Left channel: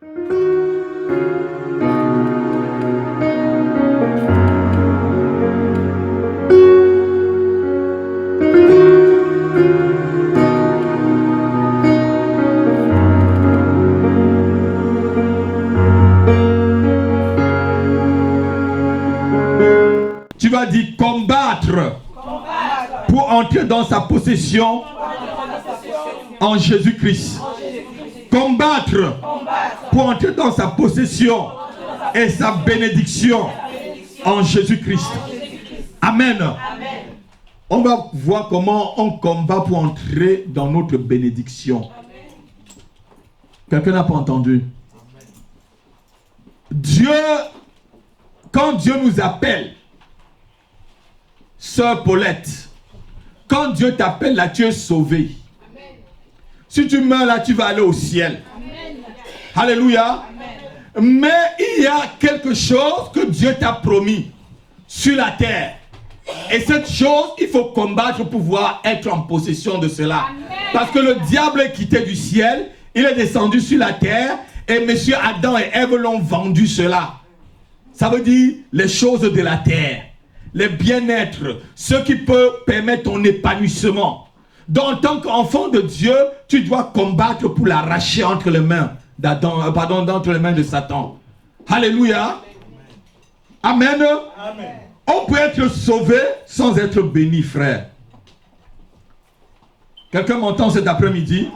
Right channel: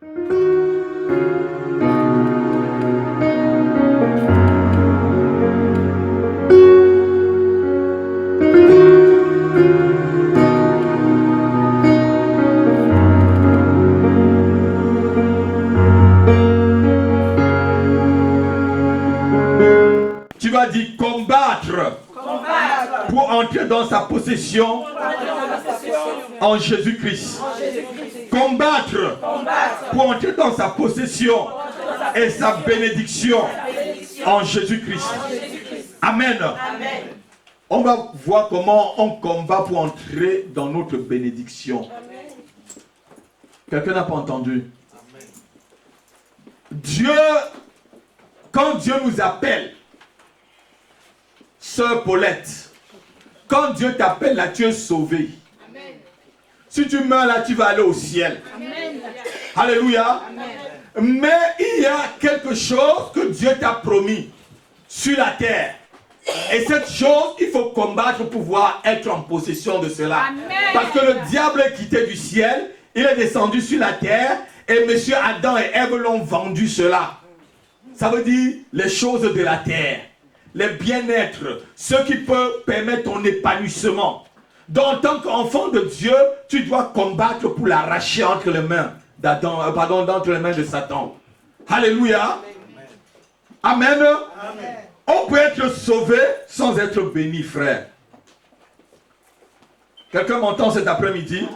Tu vas dire combattre pour entrer dans sa possession en Jésus-Christ. Combattre pour entrer dans sa possession et sa bénédiction en Jésus-Christ. Amen. On va voir comment on combat pour entrer dans notre bénédiction. Quelqu'un n'a pas entendu? Dieu, quand Dieu nous appelle, Sœur Paulette, quand Dieu t'appelle là, tu es sauvé. Amen. Si tu meurs là, tu vas aller au ciel. Amen. Alléluia. Amen. Mais il y a quelque chose que Dieu t'a promis sur la terre. Et cette chose, il faut combattre pour pouvoir être en possession de cela. Amen. Parce que le diable est quitté du ciel, il est descendu sur la terre, et messieurs Adam et Ève l'ont vendu cela. Ça veut dire les choses de la terre. Les bien-être, ce qui peut permettre ton épanouissement. Donc, en tant qu'enfant de Dieu, tu dois combattre pour l'arracher entre les mains entre les mains de Satan. Alléluia. Amen. Amen. On peut être sauvé sans être béni, frère. Quelqu'un m'entend cet après-midi?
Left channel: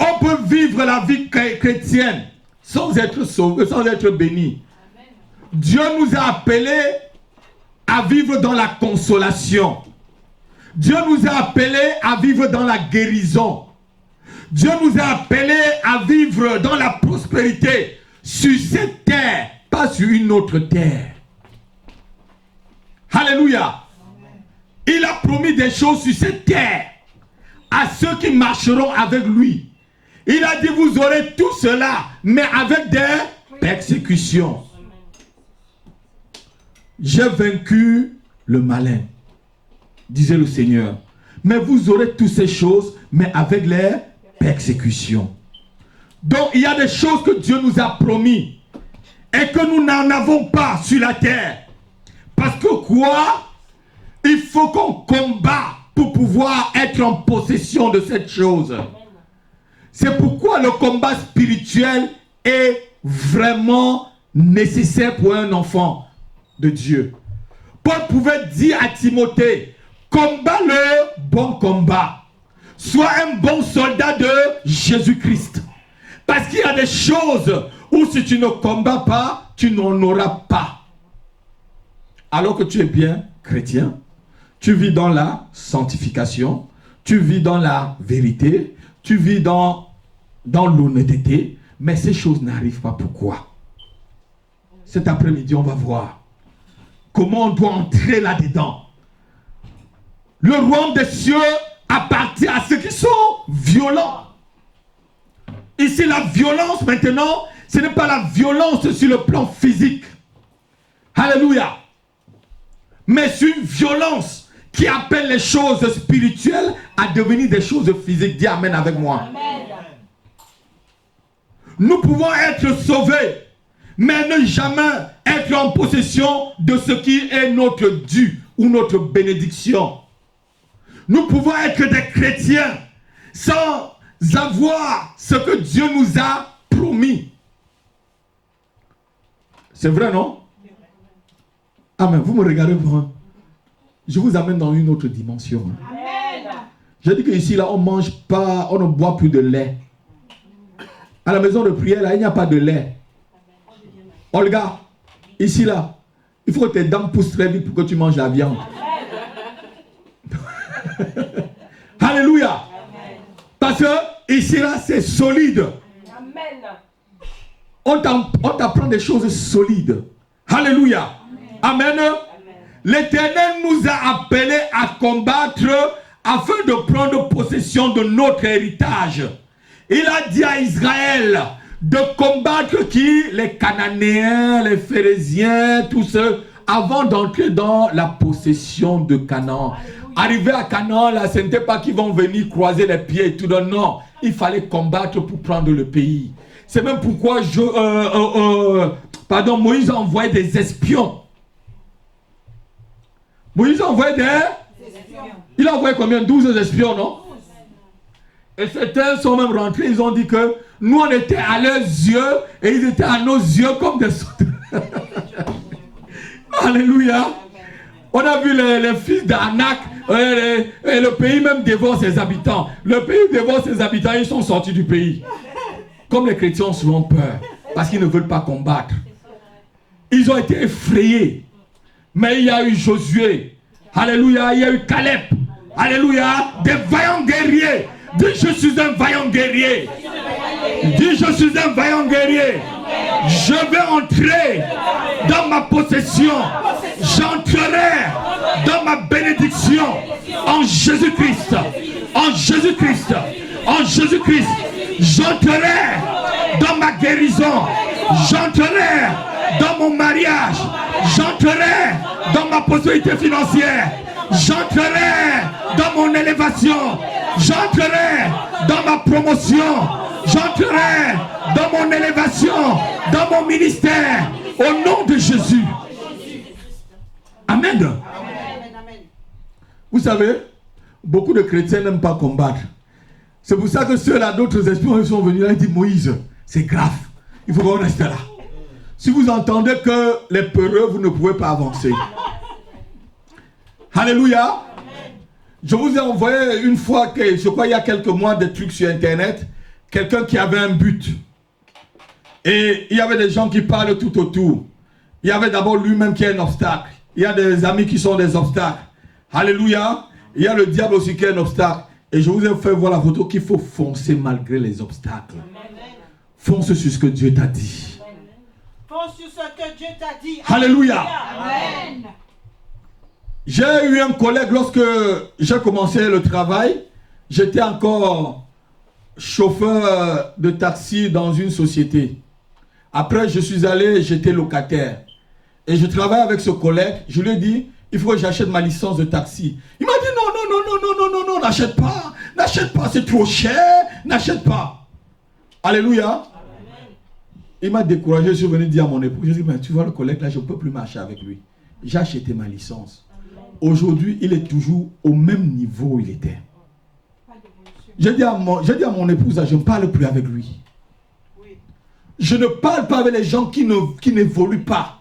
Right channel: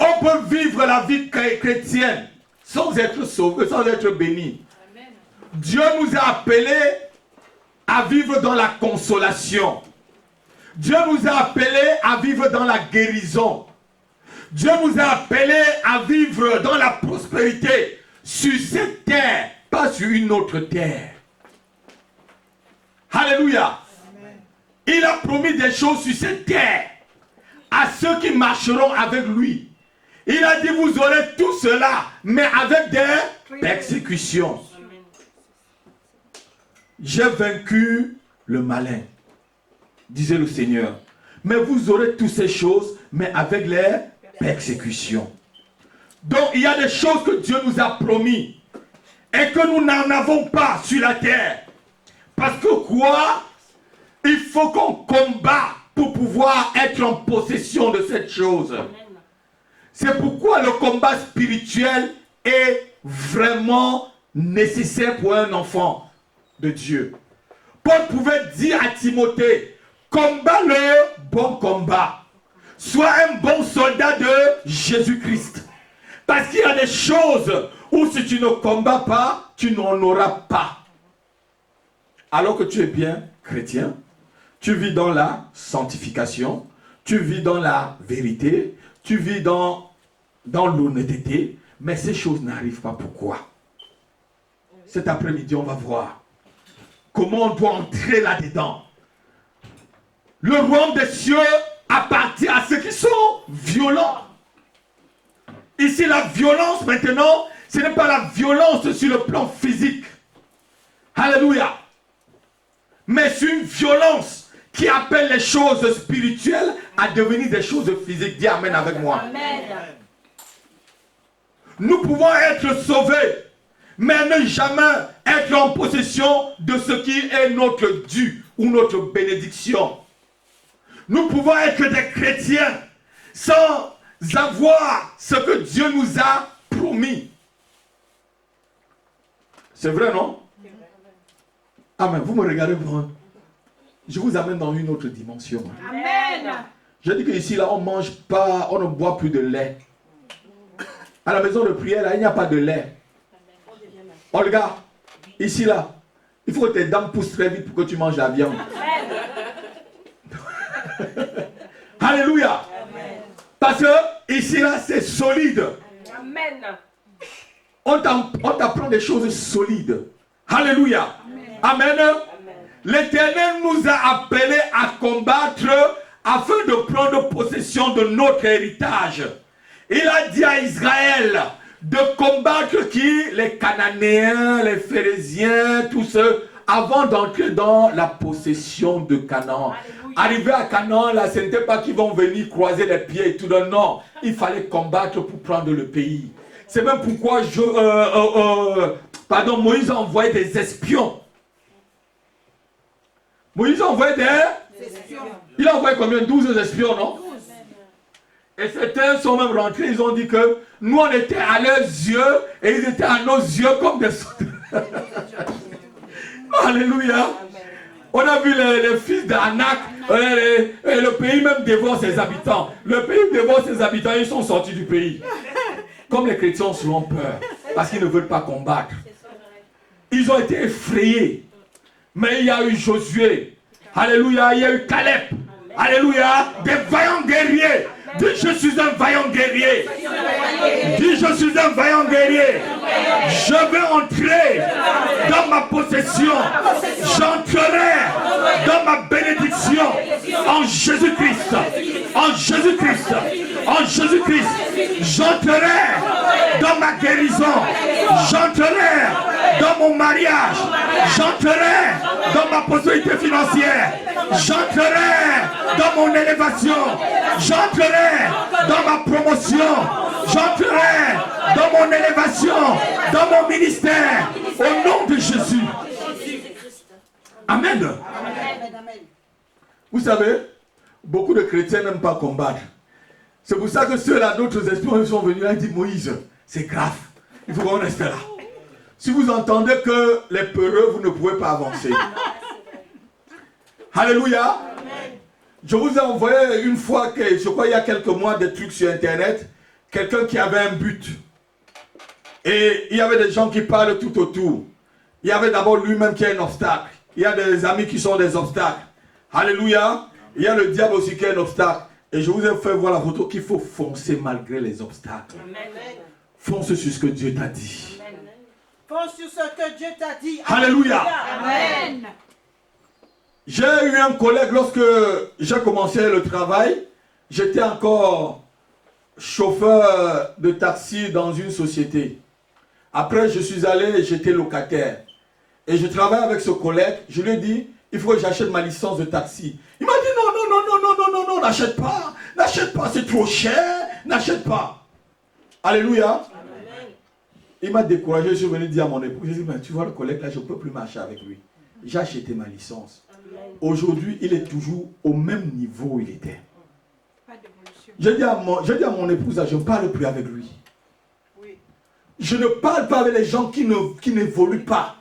On peut vivre la vie chrétienne sans être sauvé, sans être béni. Dieu nous a appelés à vivre dans la consolation. Dieu nous a appelés à vivre dans la guérison. Dieu nous a appelés à vivre dans la prospérité sur cette terre, pas sur une autre terre. Alléluia. Il a promis des choses sur cette terre à ceux qui marcheront avec lui. Il a dit, vous aurez tout cela, mais avec des persécutions. J'ai vaincu le malin, disait le Seigneur. Mais vous aurez toutes ces choses, mais avec les persécutions. Donc il y a des choses que Dieu nous a promis et que nous n'en avons pas sur la terre. Parce que quoi? Il faut qu'on combat pour pouvoir être en possession de cette chose. C'est pourquoi le combat spirituel est vraiment nécessaire pour un enfant de Dieu. Paul pouvait dire à Timothée, combat le bon combat. Sois un bon soldat de Jésus-Christ. Parce qu'il y a des choses où si tu ne combats pas, tu n'en auras pas. Alors que tu es bien chrétien, tu vis dans la sanctification, tu vis dans la vérité, tu vis dans l'honnêteté, mais ces choses n'arrivent pas. Pourquoi? Cet après-midi, on va voir comment on doit entrer là-dedans. Le royaume des cieux appartient à ceux qui sont violents. Ici, la violence maintenant, ce n'est pas la violence sur le plan physique. Alléluia. Mais c'est une violence qui appelle les choses spirituelles à devenir des choses physiques. Dis Amen avec moi. Amen. Nous pouvons être sauvés, mais ne jamais être en possession de ce qui est notre dû ou notre bénédiction. Nous pouvons être des chrétiens sans avoir ce que Dieu nous a promis. C'est vrai, non? Amen. Vous me regardez, je vous amène dans une autre dimension. Amen. Je dis qu'ici, là, on ne mange pas, on ne boit plus de lait. À la maison de prière, là, il n'y a pas de lait. Olga, ici, là, il faut que tes dents poussent très vite pour que tu manges la viande. Alléluia. Amen. Parce que ici, là, c'est solide. Amen. On t'apprend des choses solides. Alléluia. Amen. Amen. L'Éternel nous a appelés à combattre afin de prendre possession de notre héritage. Il a dit à Israël de combattre qui? Les Cananéens, les Phérésiens, tous ceux, avant d'entrer dans la possession de Canaan. Arrivé à Canaan, là, ce n'était pas qu'ils vont venir croiser les pieds et tout. Non, il fallait combattre pour prendre le pays. C'est même pourquoi Moïse a envoyé des espions. Moïse a envoyé des espions. Il a envoyé combien? 12 espions, non? Et certains sont même rentrés, ils ont dit que nous on était à leurs yeux et ils étaient à nos yeux comme des sauterelles. Alléluia. On a vu les fils d'Anak, et le pays même dévore ses habitants. Le pays dévore ses habitants, ils sont sortis du pays. Comme les chrétiens ont souvent peur, parce qu'ils ne veulent pas combattre. Ils ont été effrayés. Mais il y a eu Josué. Alléluia. Il y a eu Caleb. Alléluia. Des vaillants guerriers. Dis je suis un vaillant guerrier. Dis je suis un vaillant guerrier. Je vais entrer dans ma possession. J'entrerai dans ma bénédiction. En Jésus-Christ. En Jésus-Christ. En Jésus-Christ. J'entrerai dans ma guérison. J'entrerai dans mon mariage. J'entrerai dans ma possibilité financière. J'entrerai dans mon élévation. J'entrerai dans ma promotion. J'entrerai dans mon élévation, dans mon ministère, au nom de Jésus. Amen. Vous savez, beaucoup de chrétiens n'aiment pas combattre. C'est pour ça que ceux-là, d'autres espions, sont venus là et disent Moïse, c'est grave, il faut qu'on reste là. Si vous entendez que les peureux, vous ne pouvez pas avancer. Alléluia. Je vous ai envoyé une fois, je crois il y a quelques mois, des trucs sur internet. Quelqu'un qui avait un but. Et il y avait des gens qui parlent tout autour. Il y avait d'abord lui-même qui est un obstacle. Il y a des amis qui sont des obstacles. Alléluia. Il y a le diable aussi qui est un obstacle. Et je vous ai fait voir la photo qu'il faut foncer malgré les obstacles. Amen. Fonce sur ce que Dieu t'a dit. Amen. Fonce sur ce que Dieu t'a dit. Alléluia. Amen. J'ai eu un collègue lorsque j'ai commencé le travail. J'étais encore chauffeur de taxi dans une société. Après, je suis allé, j'étais locataire. Et je travaille avec ce collègue. Je lui ai dit, il faut que j'achète ma licence de taxi. Il m'a dit, non, n'achète pas, c'est trop cher, n'achète pas. Alléluia. Amen. Il m'a découragé, je suis venu dire à mon épouse, j'ai dit, mais tu vois le collègue là, je ne peux plus marcher avec lui. J'ai acheté ma licence. Aujourd'hui, il est toujours au même niveau où il était. J'ai dit à mon épouse, je ne parle plus avec lui. Je ne parle pas avec les gens qui n'évoluent pas.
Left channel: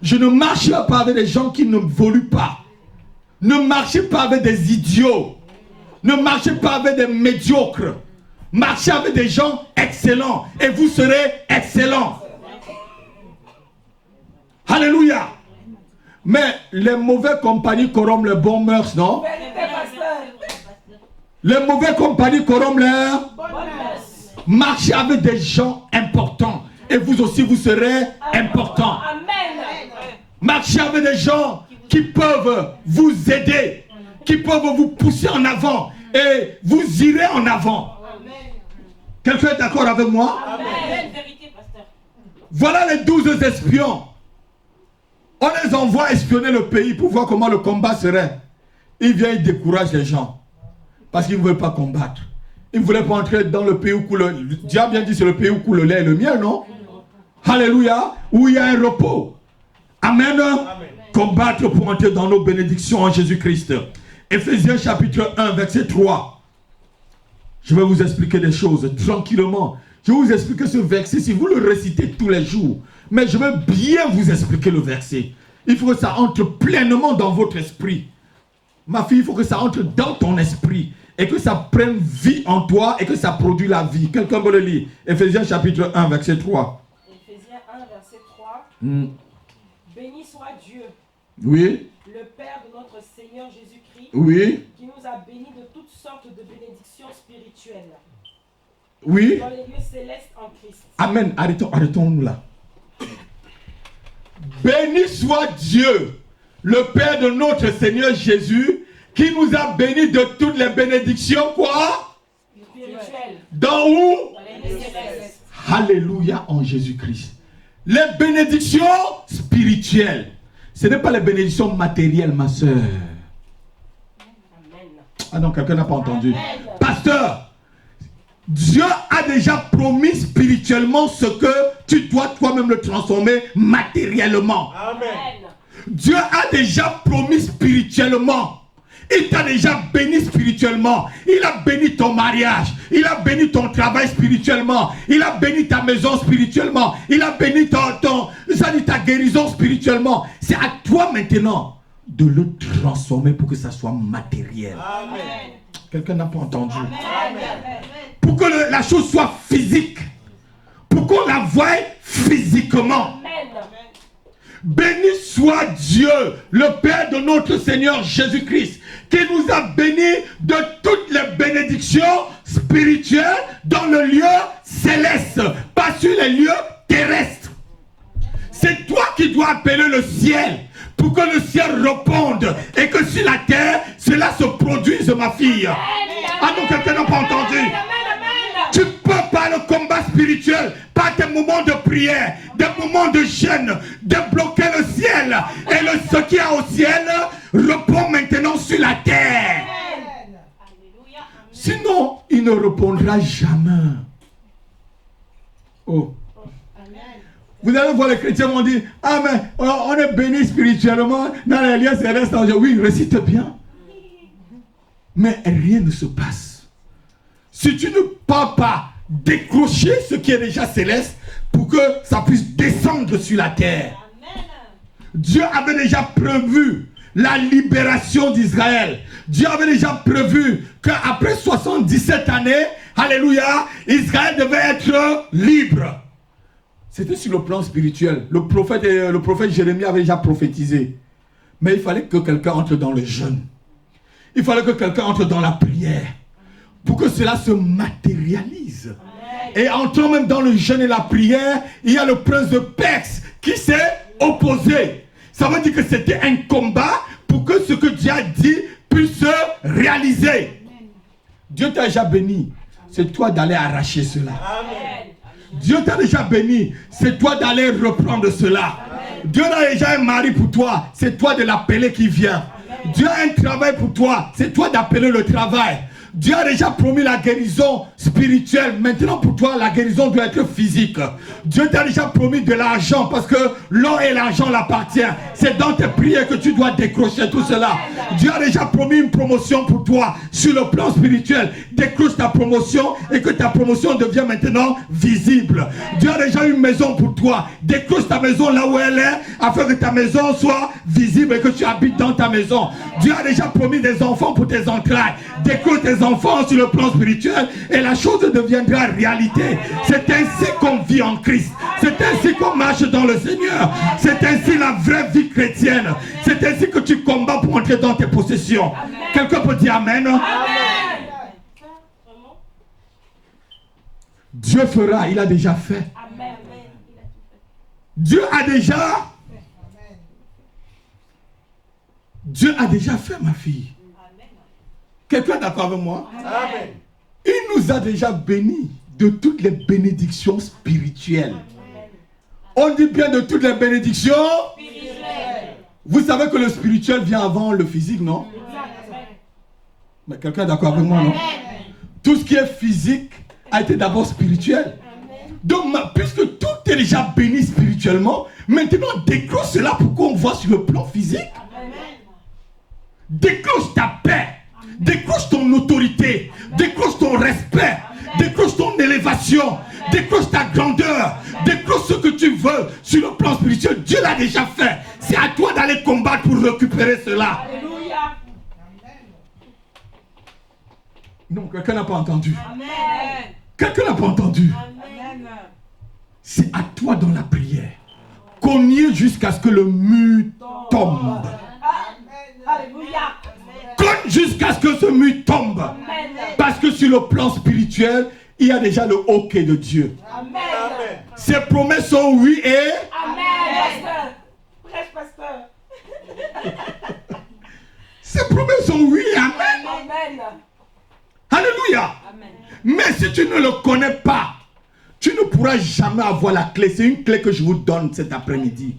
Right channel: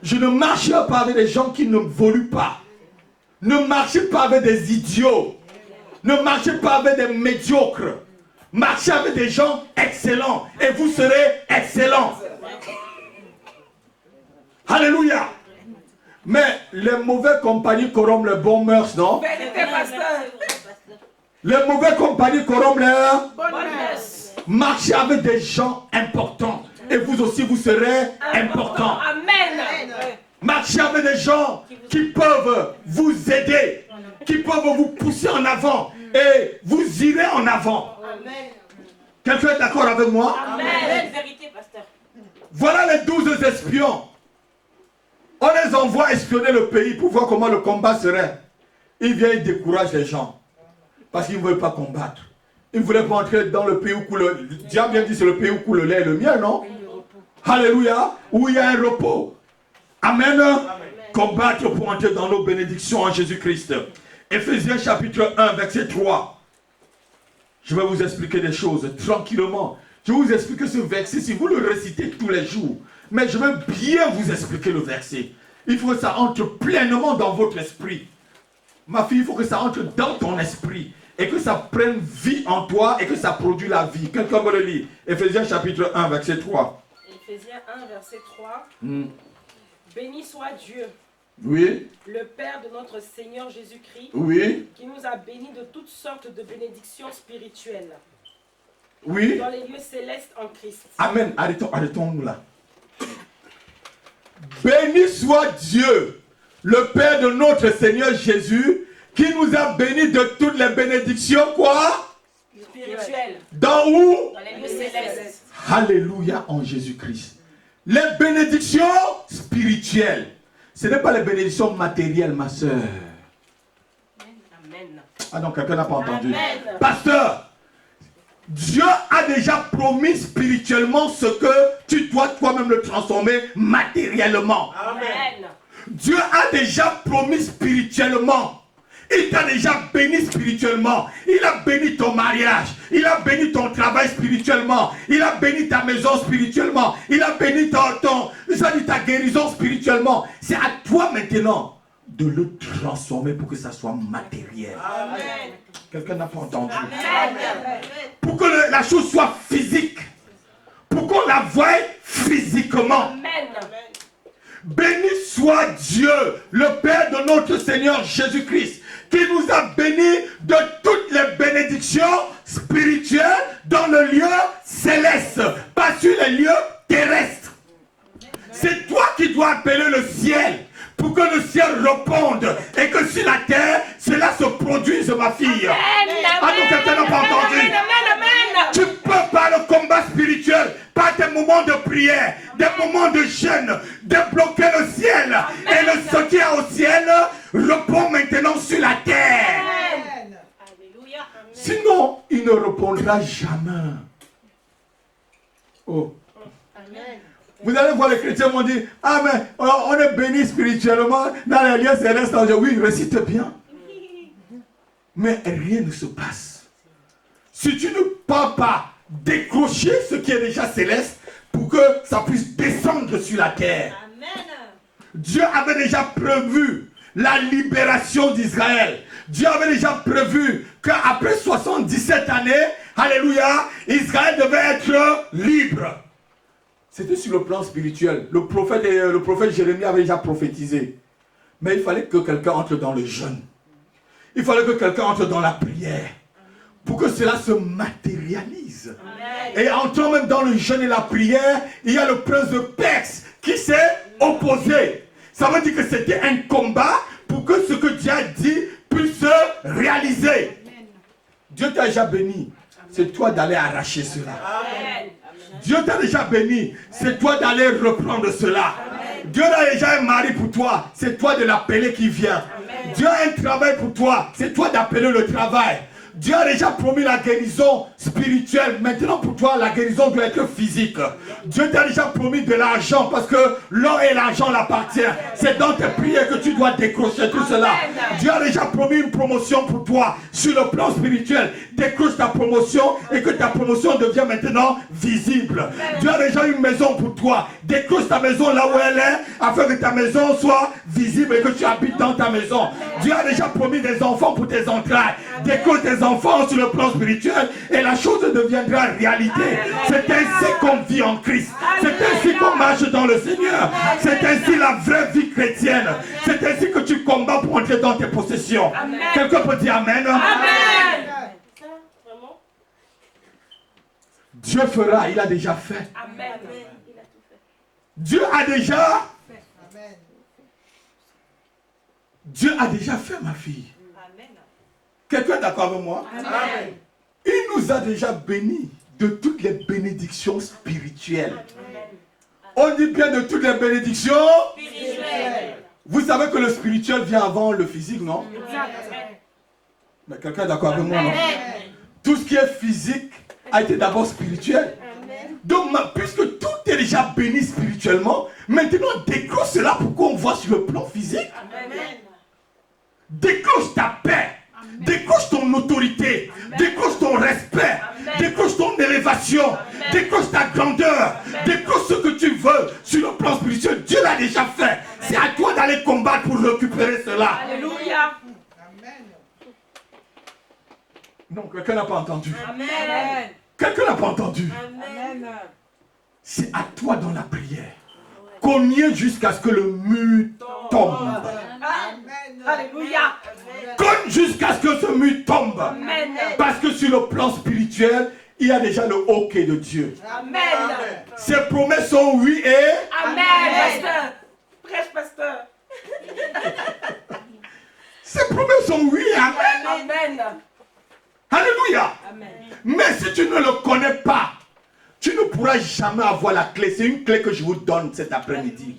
Je ne marche pas avec les gens qui n'évoluent pas. Ne marchez pas avec des idiots. Ne marchez pas avec des médiocres. Marchez avec des gens excellents et vous serez excellents. Alléluia. Mais les mauvais compagnies corrompent les bons mœurs, non? Les mauvais compagnies corrompent leurs bonnes mœurs. Marchez avec des gens importants et vous aussi vous serez importants. Amen. Marchez avec des gens qui peuvent vous aider, qui peuvent vous pousser en avant et vous irez en avant. Quelqu'un est d'accord avec moi? Amen. Voilà les 12 espions. On les envoie espionner le pays pour voir comment le combat serait. Ils viennent, ils découragent les gens. Parce qu'ils ne veulent pas combattre. Ils ne voulaient pas entrer dans le pays où coule le... Dieu a bien dit c'est le pays où coule le lait et le miel, non? Alléluia. Où il y a un repos. Amen. Amen. Combattre pour entrer dans nos bénédictions en Jésus-Christ. Éphésiens chapitre 1, verset 3. Je vais vous expliquer des choses tranquillement. Je vais vous expliquer ce verset si vous le récitez tous les jours. Mais je vais bien vous expliquer le verset. Il faut que ça entre pleinement dans votre esprit. Ma fille, il faut que ça entre dans ton esprit. Et que ça prenne vie en toi et que ça produise la vie. Quelqu'un peut le lire. Éphésiens chapitre 1, verset 3. Éphésiens 1, verset 3. Béni soit Dieu. Oui. Le Père de notre Seigneur Jésus-Christ. Oui. Qui nous a bénis de toutes sortes de bénédictions spirituelles. Oui. Dans les lieux célestes en Christ. Amen. Arrêtons-nous là. Béni soit Dieu, le Père de notre Seigneur Jésus, qui nous a bénis de toutes les bénédictions, quoi? Spirituelles. Dans où? Dans les lieux célestes. Alléluia en Jésus-Christ. Les bénédictions spirituelles. Ce n'est pas les bénédictions matérielles, ma soeur. Amen. Ah non, quelqu'un n'a pas entendu. Amen. Pasteur, Dieu a déjà promis spirituellement ce que tu dois toi-même le transformer matériellement. Amen. Dieu a déjà promis spirituellement. Il t'a déjà béni spirituellement. Il a béni ton mariage. Il a béni ton travail spirituellement. Il a béni ta maison spirituellement. Il a béni ta guérison spirituellement. C'est à toi maintenant de le transformer pour que ça soit matériel. Amen. Quelqu'un n'a pas entendu. Amen. Pour que la chose soit physique. Pour qu'on la voie physiquement. Amen. Béni soit Dieu, le Père de notre Seigneur Jésus-Christ, qui nous a bénis de toutes les bénédictions spirituelles dans le lieu céleste, pas sur les lieux terrestres. C'est toi qui dois appeler le ciel pour que le ciel réponde et que sur la terre, cela se produise, ma fille. Ah non, quelqu'un n'a pas entendu. Tu peux par le combat spirituel, par des moments de prière, des moments de jeûne, débloquer le ciel. Et ce qui est au ciel répond maintenant sur la terre. Alléluia. Sinon, il ne répondra jamais. Oh. Vous allez voir les chrétiens vont dire, ah mais on est béni spirituellement dans les lieux célestes. Oui, récite bien. Mais rien ne se passe. Si tu ne peux pas décrocher ce qui est déjà céleste pour que ça puisse descendre sur la terre. Amen. Dieu avait déjà prévu la libération d'Israël. Dieu avait déjà prévu qu'après 77 années, alléluia, Israël devait être libre. C'était sur le plan spirituel. Le prophète Jérémie avait déjà prophétisé. Mais il fallait que quelqu'un entre dans le jeûne. Il fallait que quelqu'un entre dans la prière. Pour que cela se matérialise. Amen. Et entrant même dans le jeûne et la prière, il y a le prince de Perse qui s'est opposé. Ça veut dire que c'était un combat pour que ce que Dieu a dit puisse se réaliser. Amen. Dieu t'a déjà béni. C'est toi d'aller arracher cela. Amen. Dieu t'a déjà béni. C'est toi d'aller reprendre cela. Amen. Dieu a déjà un mari pour toi. C'est toi de l'appeler qui vient. Amen. Dieu a un travail pour toi. C'est toi d'appeler le travail. Dieu a déjà promis la guérison spirituelle. Maintenant pour toi, la guérison doit être physique. Dieu t'a déjà promis de l'argent parce que l'or et l'argent l'appartiennent. C'est dans tes prières que tu dois décrocher tout cela. Dieu a déjà promis une promotion pour toi sur le plan spirituel. Décroche ta promotion et que ta promotion devienne maintenant visible. Dieu a déjà une maison pour toi. Décroche ta maison là où elle est afin que ta maison soit visible et que tu habites dans ta maison. Dieu a déjà promis des enfants pour tes entrailles. Décroche tes enfants sur le plan spirituel et la chose deviendra réalité. C'est ainsi qu'on vit en Christ. C'est ainsi qu'on marche dans le Seigneur. C'est ainsi la vraie vie chrétienne. C'est ainsi que tu combats pour entrer dans tes possessions. Quelqu'un peut dire Amen. Amen. Dieu fera, il a déjà fait. Amen. Dieu a déjà. Dieu a déjà fait, ma fille. Quelqu'un est d'accord avec moi? Amen. Il nous a déjà bénis de toutes les bénédictions spirituelles. On dit bien de toutes les bénédictions Spirituel. Vous savez que le spirituel vient avant le physique, non? Mais quelqu'un est d'accord avec moi, non? Tout ce qui est physique a été d'abord spirituel. Donc, puisque tout est déjà béni spirituellement, maintenant décroche cela pour qu'on voit sur le plan physique. Décroche ta paix. Décroche ton autorité, décroche ton respect, décroche ton élévation, décroche ta grandeur, décroche ce que tu veux sur le plan spirituel. Dieu l'a déjà fait. C'est à toi d'aller combattre pour récupérer cela. Alléluia. Non, quelqu'un n'a pas entendu. Amen. Quelqu'un n'a pas entendu. Amen. C'est à toi dans la prière. Cognez jusqu'à ce que le mur tombe. Alléluia. Cogne jusqu'à ce que ce mur tombe. Amen. Parce que sur le plan spirituel, il y a déjà le OK de Dieu. Amen. Ses promesses sont oui et... Amen. Pasteur. Prêche, pasteur. Ses promesses sont oui et amen. Amen. Alléluia. Mais si tu ne le connais pas, tu ne pourras jamais avoir la clé. C'est une clé que je vous donne cet après-midi.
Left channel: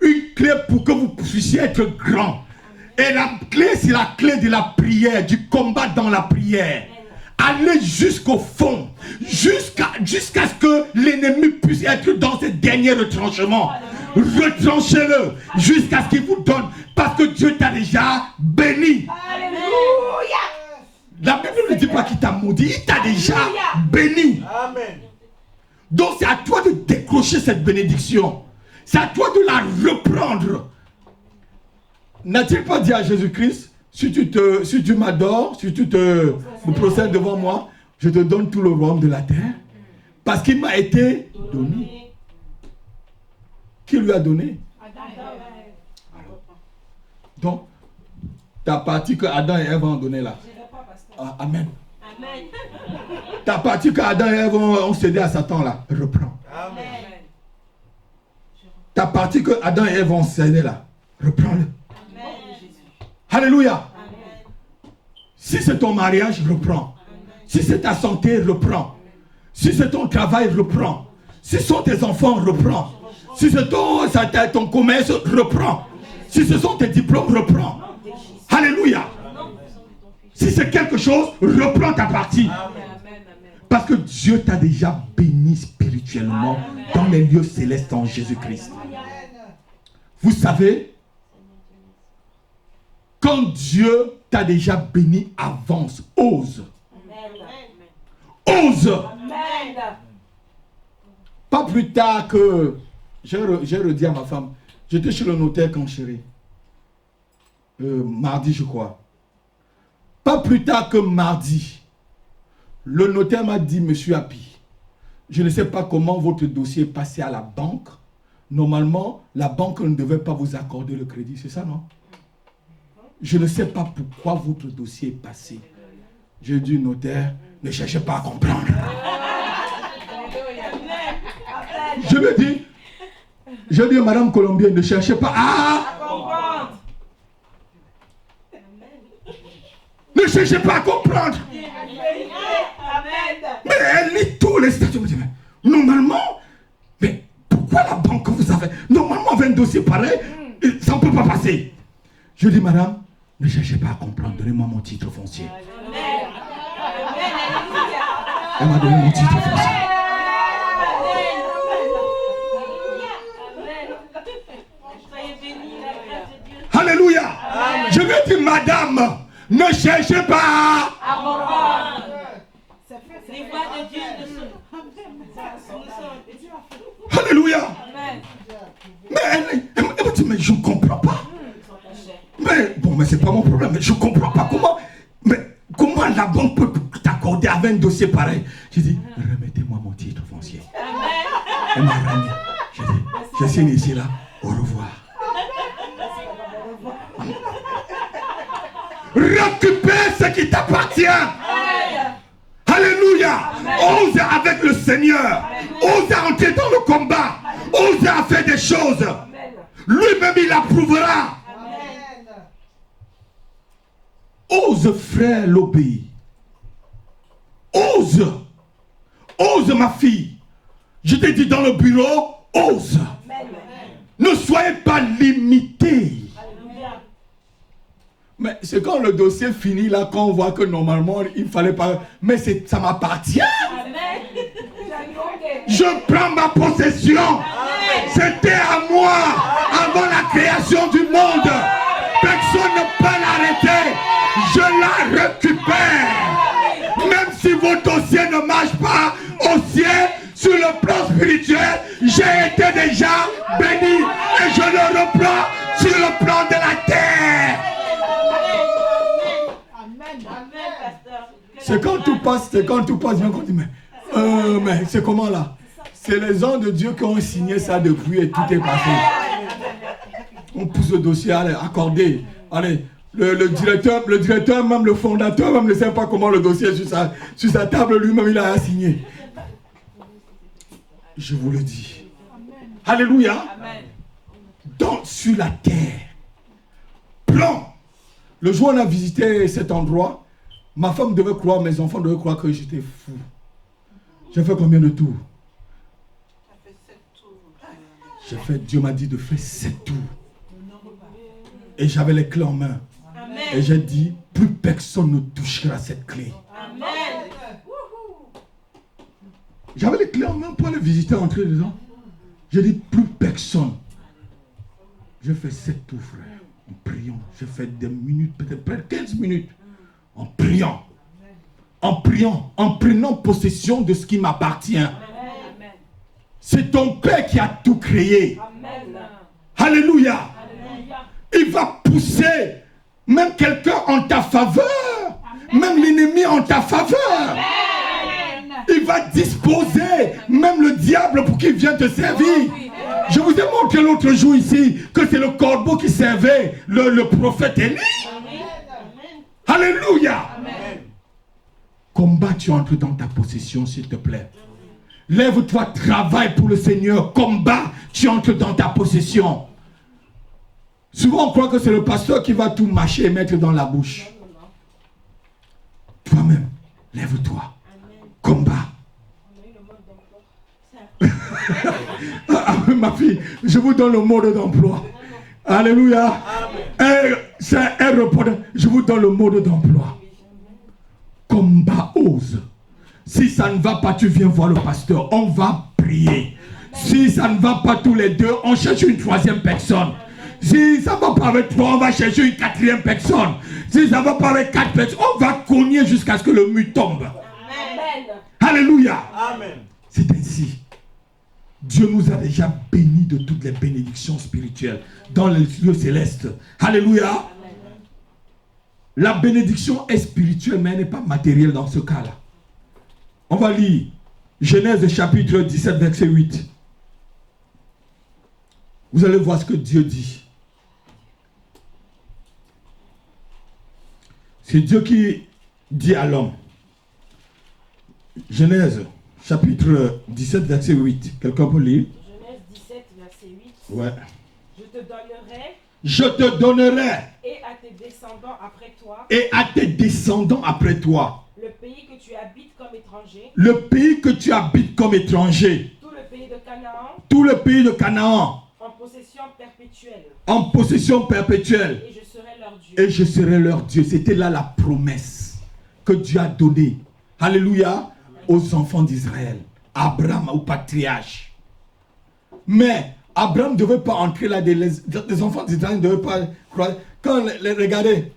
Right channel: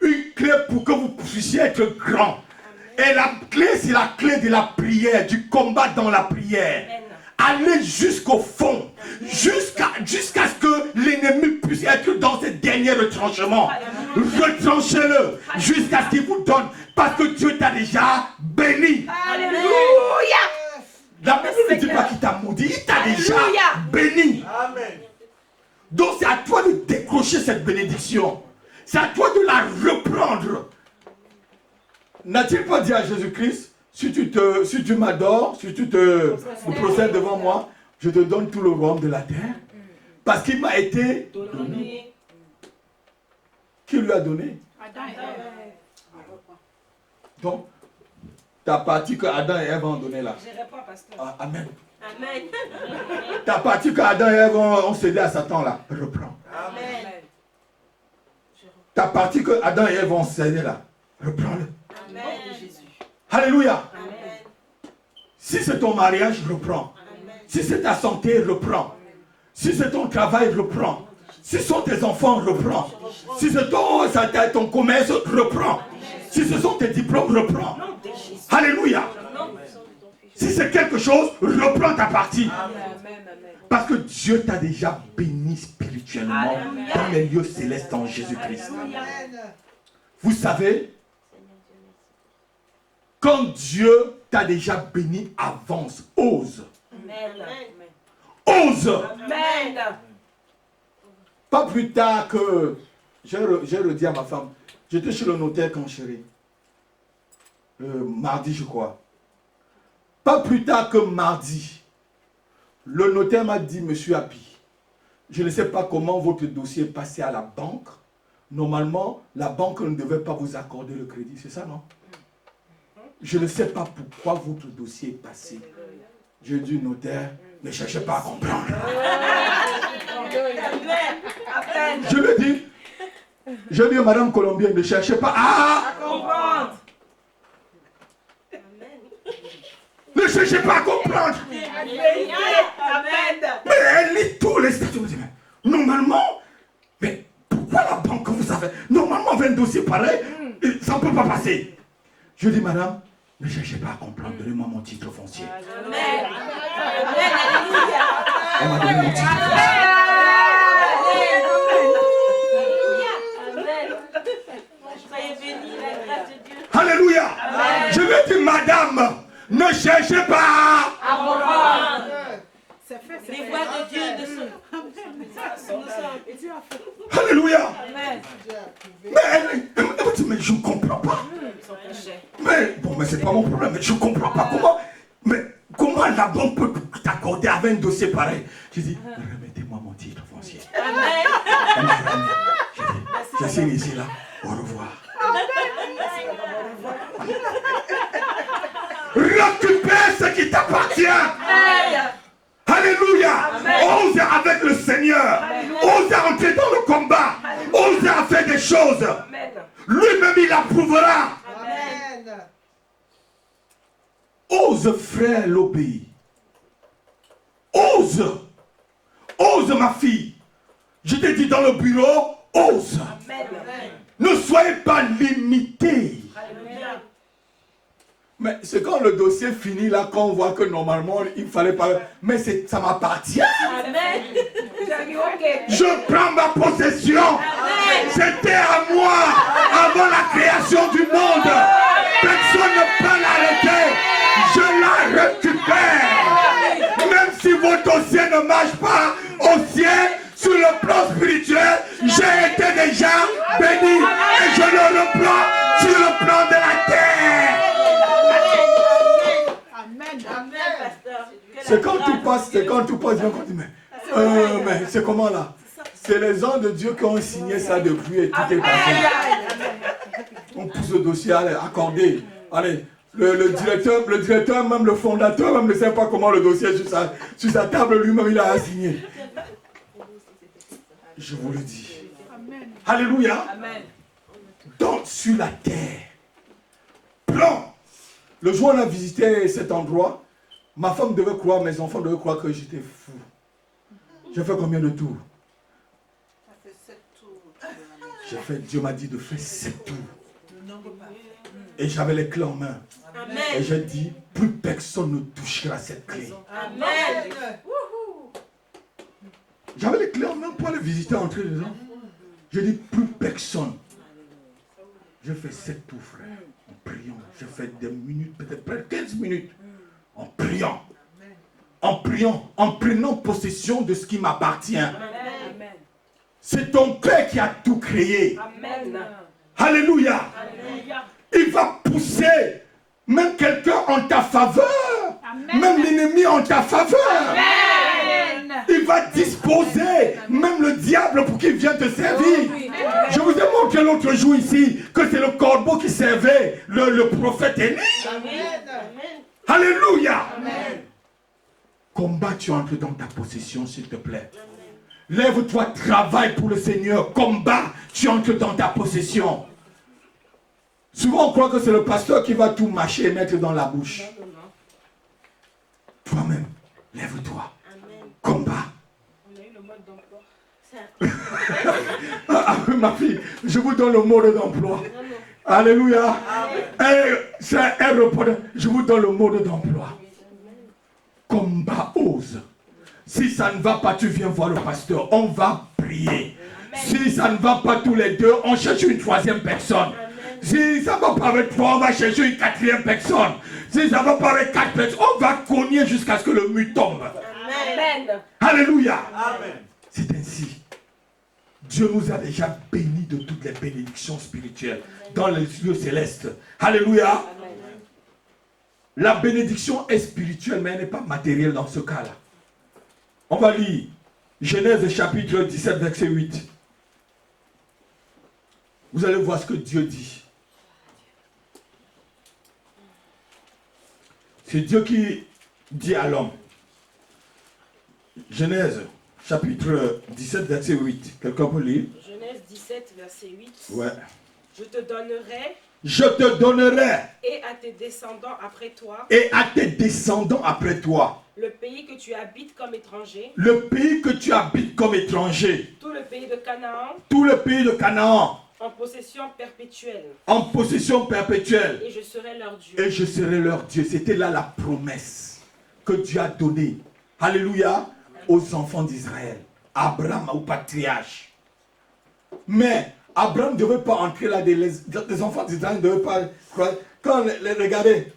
Une clé pour que vous puissiez être grand. Et la clé, c'est la clé de la prière, du combat dans la prière. aller jusqu'au fond, jusqu'à ce que l'ennemi puisse être dans ses derniers retranchements. Retranchez-le jusqu'à ce qu'il vous donne, parce que Dieu t'a déjà béni. Alléluia. La Bible ne dit pas qu'il t'a maudit, il t'a déjà béni. Amen. Donc c'est à toi de décrocher cette bénédiction. C'est à toi de la reprendre. N'a-t-il pas dit à Jésus-Christ, si tu m'adores, si tu te procèdes devant moi, je te donne tout le royaume de la terre. Parce qu'il m'a été donné. Qui lui a donné? Donc, ta partie que Adam et Ève ont donnée là. Ah, amen. Amen. Ta partie que Adam et Ève ont cédé à Satan là, reprends. Amen. Ta partie que Adam et Ève ont cédé là, reprends-le. Amen. Alléluia. Amen. Si c'est ton mariage, reprends. Si c'est ta santé, reprends. Si c'est ton travail, reprends. Si ce sont tes enfants, reprends. Si c'est ton commerce, reprends. Si ce sont tes diplômes, reprends. Alléluia. Si c'est quelque chose, reprends ta partie. Parce que Dieu t'a déjà béni spirituellement dans les lieux célestes en Jésus-Christ. Vous savez, quand Dieu t'a déjà béni, avance, ose. Ose. Amen. Pas plus tard que, j'ai redit à ma femme, j'étais chez le notaire quand chérie. Mardi je crois. Pas plus tard que mardi, le notaire m'a dit, monsieur Happy, je ne sais pas comment votre dossier est passé à la banque. Normalement, la banque ne devait pas vous accorder le crédit, c'est ça, non? Je ne sais pas pourquoi votre dossier est passé. J'ai dit, notaire, ne cherchez pas à comprendre. Je lui ai dit à Madame Colombienne, ne cherchez pas à Comprendre. Ne cherchez pas à comprendre. Amen. Mais elle lit tous les statuts. Elle me dit, mais normalement, mais pourquoi la banque vous avez... Normalement, avec un dossier pareil, ça ne peut pas passer. Je dis, madame, ne cherchez pas à comprendre. Donnez-moi mon titre foncier. Amen. Elle m'a donné mon titre foncier. Alléluia. Je vais dire, madame, ne cherchez pas. Alléluia. Mais elle me dit, mais je ne comprends pas. Mais bon, mais c'est pas mon problème. Mais je ne comprends pas comment la banque peut t'accorder avec un dossier pareil. J'ai dit, remettez-moi mon titre foncier. Elle m'a remis. J'ai dit, je signe ici là. Au revoir. Récupère ce qui t'appartient. Alléluia. Ose avec le Seigneur. Ose entrer dans le combat. Ose à faire des choses. Lui-même il approuvera. Ose frère l'obéir. Ose. Ose ma fille. Je t'ai dit dans le bureau, ose. Ne soyez pas limité. Mais c'est quand le dossier finit là qu'on voit que normalement il ne fallait pas. Mais ça m'appartient. Je prends ma possession. C'était à moi avant la création du monde. Personne ne peut l'arrêter. Je la récupère. Même si vos dossiers ne marchent pas au ciel, sur le plan spirituel, j'ai été déjà béni et je le reprends sur le plan de la terre. C'est quand tout passe, bien qu'on dit, mais c'est comment là? C'est les gens de Dieu qui ont signé ça depuis et tout est passé. On pousse le dossier, allez, accordé. Allez, le directeur, même le fondateur, même ne sait pas comment le dossier est sur sa table, lui-même il a signé. Je vous le dis. Alléluia. Donc sur la terre, plan. Le jour où on a visité cet endroit, ma femme devait croire, mes enfants devaient croire que j'étais fou. J'ai fait combien de tours? Dieu m'a dit de faire 7 tours. Et j'avais les clés en main. Et j'ai dit, plus personne ne touchera cette clé. J'avais les clés en main pour aller visiter, entrer dedans. J'ai dit, plus personne. Je fais 7 tours, frère, en priant. J'ai fait des minutes, peut-être près de 15 minutes, en priant. En priant, en prenant possession de ce qui m'appartient. C'est ton Père qui a tout créé. Amen. Alléluia. Alléluia. Il va pousser même quelqu'un en ta faveur. Même l'ennemi en ta faveur. Il va disposer même le diable pour qu'il vienne te servir. Je vous ai montré l'autre jour ici que c'est le corbeau qui servait le prophète Élie. Alléluia. Combat, tu entres dans ta possession, s'il te plaît. Lève-toi, travaille pour le Seigneur. Combat, tu entres dans ta possession. Souvent, on croit que c'est le pasteur qui va tout mâcher et mettre dans la bouche. Toi-même, lève-toi. Combat. Ma fille, je vous donne le mode d'emploi. Alléluia. C'est un report. Je vous donne le mode d'emploi. Combat, ose. Si ça ne va pas, tu viens voir le pasteur. On va prier. Si ça ne va pas tous les deux, on cherche une troisième personne. Si ça ne va pas avec toi, on va chercher une quatrième personne. Si ça ne va pas avec 4 personnes, on va cogner jusqu'à ce que le mur tombe. Amen. Alléluia. Amen. C'est ainsi. Dieu nous a déjà bénis de toutes les bénédictions spirituelles dans les lieux célestes. Alléluia. Amen. La bénédiction est spirituelle, mais elle n'est pas matérielle dans ce cas-là. On va lire Genèse chapitre 17, verset 8. Vous allez voir ce que Dieu dit. C'est Dieu qui dit à l'homme. Genèse chapitre 17, verset 8. Quelqu'un peut lire? Genèse 17, verset 8. Ouais. Je te donnerai. Je te donnerai. Et à tes descendants après toi. Et à tes descendants après toi. Le pays que tu habites comme étranger. Le pays que tu habites comme étranger. Tout le pays de Canaan. Tout le pays de Canaan. En possession perpétuelle. En possession perpétuelle. Et je serai leur Dieu. Et je serai leur Dieu. C'était là la promesse que Dieu a donnée. Alléluia. Aux enfants d'Israël. Abraham, au patriarche. Mais Abraham ne devait pas entrer là. Les enfants d'Israël ne devaient pas croire. Quand regardez,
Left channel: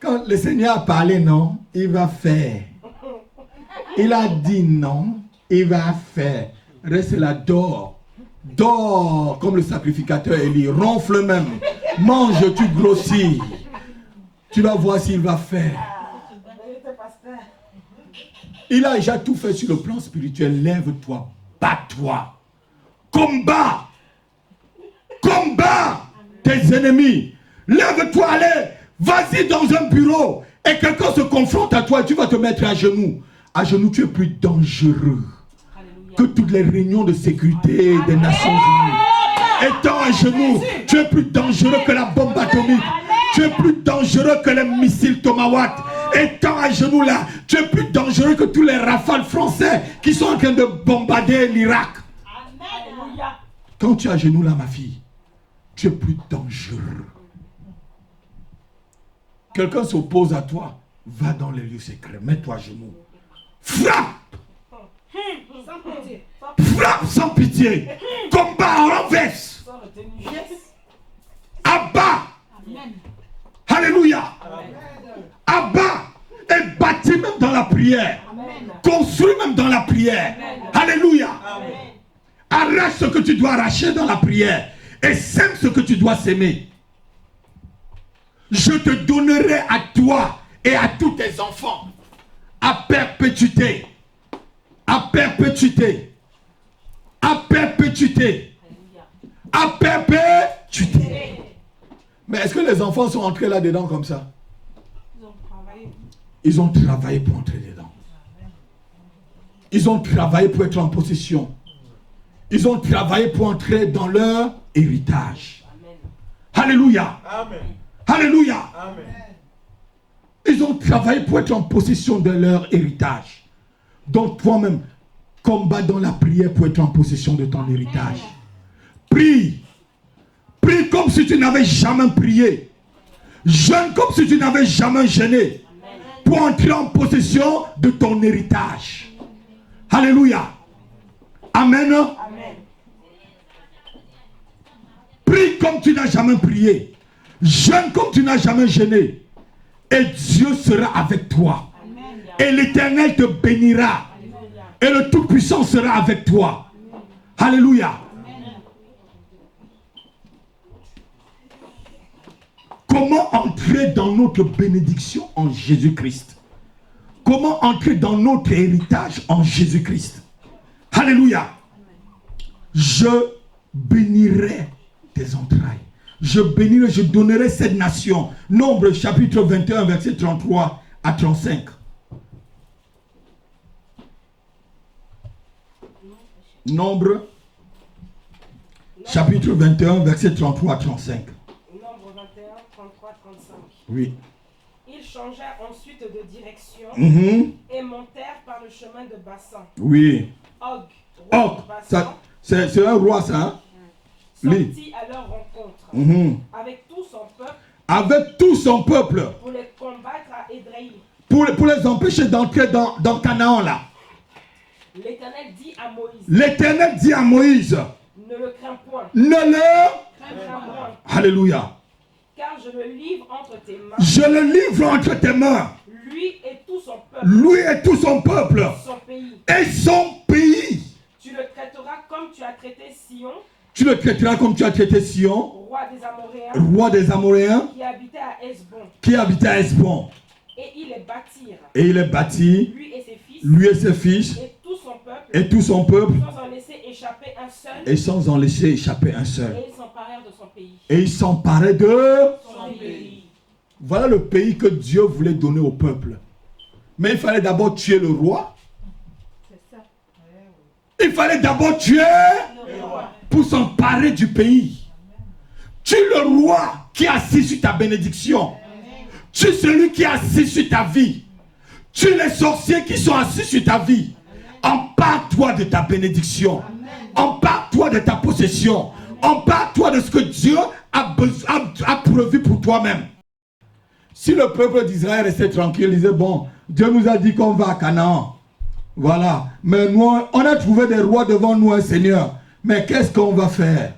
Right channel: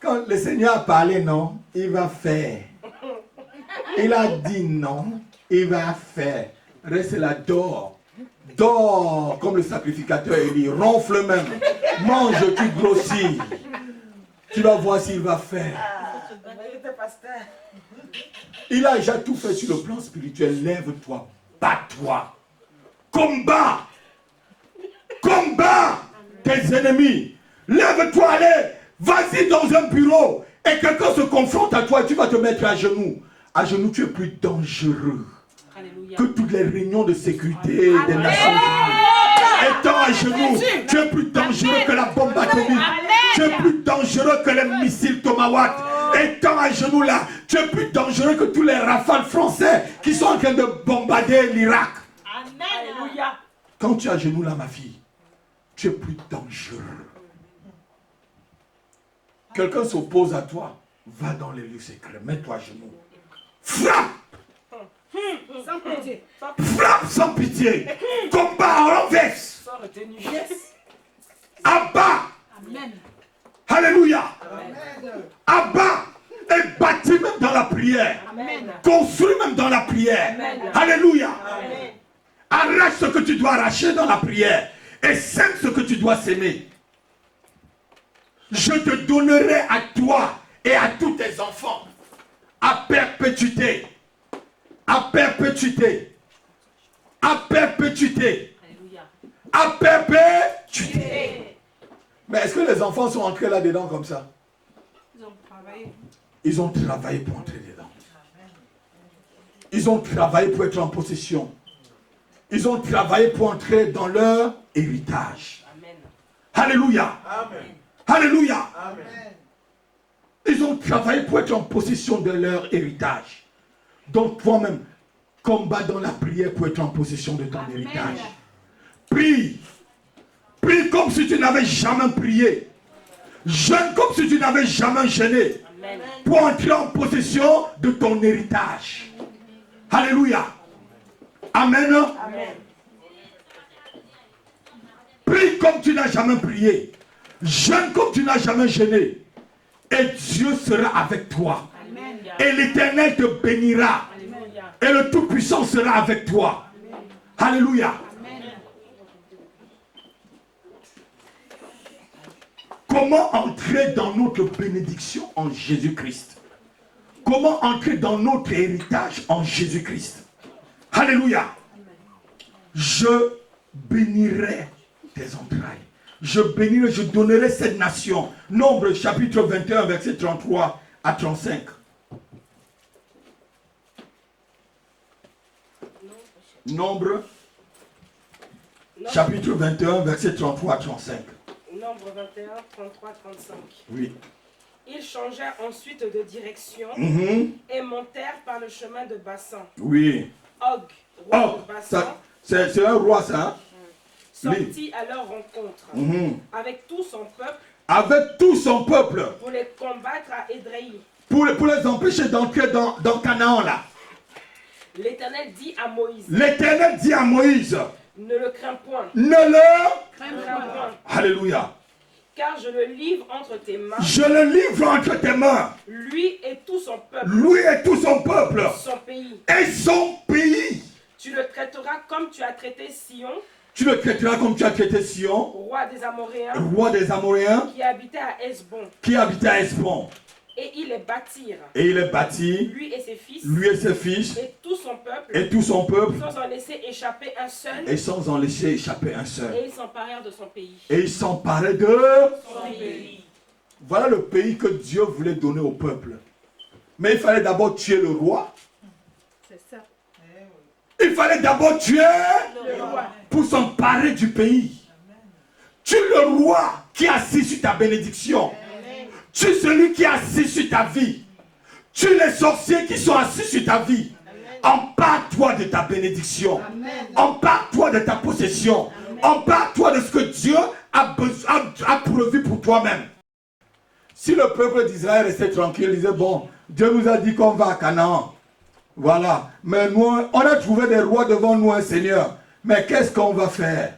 quand le Seigneur a parlé, non, il va faire. Il a dit non, il va faire. Reste là, dors. Dors comme le sacrificateur Élie. Ronfle même. Mange, tu grossis. Tu vas voir s'il va faire. Il a déjà tout fait sur le plan spirituel. Lève-toi, bats-toi. Combat. Combat tes ennemis. Lève-toi, allez. Vas-y dans un bureau. Et quelqu'un se confronte à toi. Tu vas te mettre à genoux. À genoux, tu es plus dangereux que toutes les réunions de sécurité des Nations Unies. Étant à genoux, tu es plus dangereux que la bombe atomique. Tu es plus dangereux que les missiles Tomahawk. Étant à genoux là, tu es plus dangereux que tous les rafales français qui sont en train de bombarder l'Irak. Alléluia. Quand tu es à genoux là, ma fille, tu es plus dangereux. Quelqu'un s'oppose à toi, va dans les lieux secrets, mets-toi à genoux. Frappe! Sans pitié. Frappe sans pitié. Combat, renverse. Sans retenue. Abat. Amen. Alléluia. Abat et bâtis même dans la prière. Amen. Construis même dans la prière. Amen. Alléluia. Amen. Arrache ce que tu dois arracher dans la prière et sème ce que tu dois s'aimer. Je te donnerai à toi et à tous tes enfants à perpétuité. À perpétuité. À perpétuité. À perpétuité. Mais est-ce que les enfants sont entrés là-dedans comme ça? Ils ont travaillé pour entrer dedans. Ils ont travaillé pour être en possession. Ils ont travaillé pour entrer dans leur héritage. Amen. Alléluia. Amen. Alléluia. Amen. Ils ont travaillé pour être en possession de leur héritage. Donc toi-même, combat dans la prière pour être en possession de ton héritage. Prie. Prie comme si tu n'avais jamais prié. Jeûne comme si tu n'avais jamais jeûné. Pour entrer en possession de ton héritage. Alléluia. Amen. Amen. Prie comme tu n'as jamais prié. Jeûne comme tu n'as jamais jeûné. Et Dieu sera avec toi. Et l'Éternel te bénira. Et le Tout-Puissant sera avec toi. Alléluia. Comment entrer dans notre bénédiction en Jésus-Christ? Comment entrer dans notre héritage en Jésus-Christ? Alléluia. Je bénirai tes entrailles. Je bénirai, je donnerai cette nation. Nombre chapitre 21, verset 33 à 35. Nombre chapitre 21, verset 33 à 35. Nombre 21, 33, 35. Oui. Ils changèrent ensuite de direction et montèrent par le chemin de Bassan. Oui. Og, roi Oh, de Bassan, c'est un roi, ça. Hein? sortit à leur rencontre avec tout son peuple Avec tout son peuple. pour les combattre à Édréi. Pour les empêcher d'entrer dans Canaan, là. L'Éternel dit à Moïse, L'Éternel dit à Moïse, ne le crains point, ne le... crains point, Alléluia. car je le livre entre tes mains, Je le livre entre tes mains. lui et tout son peuple, Lui et tout son peuple. son pays. Et son pays. Tu le traiteras comme tu as traité Sion, Tu le traiteras comme tu as traité Sion, roi des Amoréens, roi des Amoréens, qui habitait à Hesbon. qui habitait à Hesbon. Et ils les bâtirent, Et il est bâti, lui et ses fils, lui et ses fils, et tout son peuple, et tout son peuple, sans en laisser échapper un seul, et sans en laisser échapper un seul. et ils s'emparèrent de son pays. Et ils s'emparaient de... Son pays. Voilà le pays que Dieu voulait donner au peuple. Mais il fallait d'abord tuer le roi. C'est ça. Il fallait d'abord tuer Le roi. pour s'emparer du pays. Tue le roi qui est assis sur ta bénédiction. Tue celui qui est assis sur ta vie. Tue les sorciers qui sont assis sur ta vie. Empare-toi de ta bénédiction. Empare-toi de ta possession. Empare-toi de ce que Dieu a prévu pour toi-même. Si le peuple d'Israël restait tranquille, il disait, bon, Dieu nous a dit qu'on va à Canaan. Voilà. Mais nous, on a trouvé des rois devant nous, un Seigneur. Mais qu'est-ce qu'on va faire?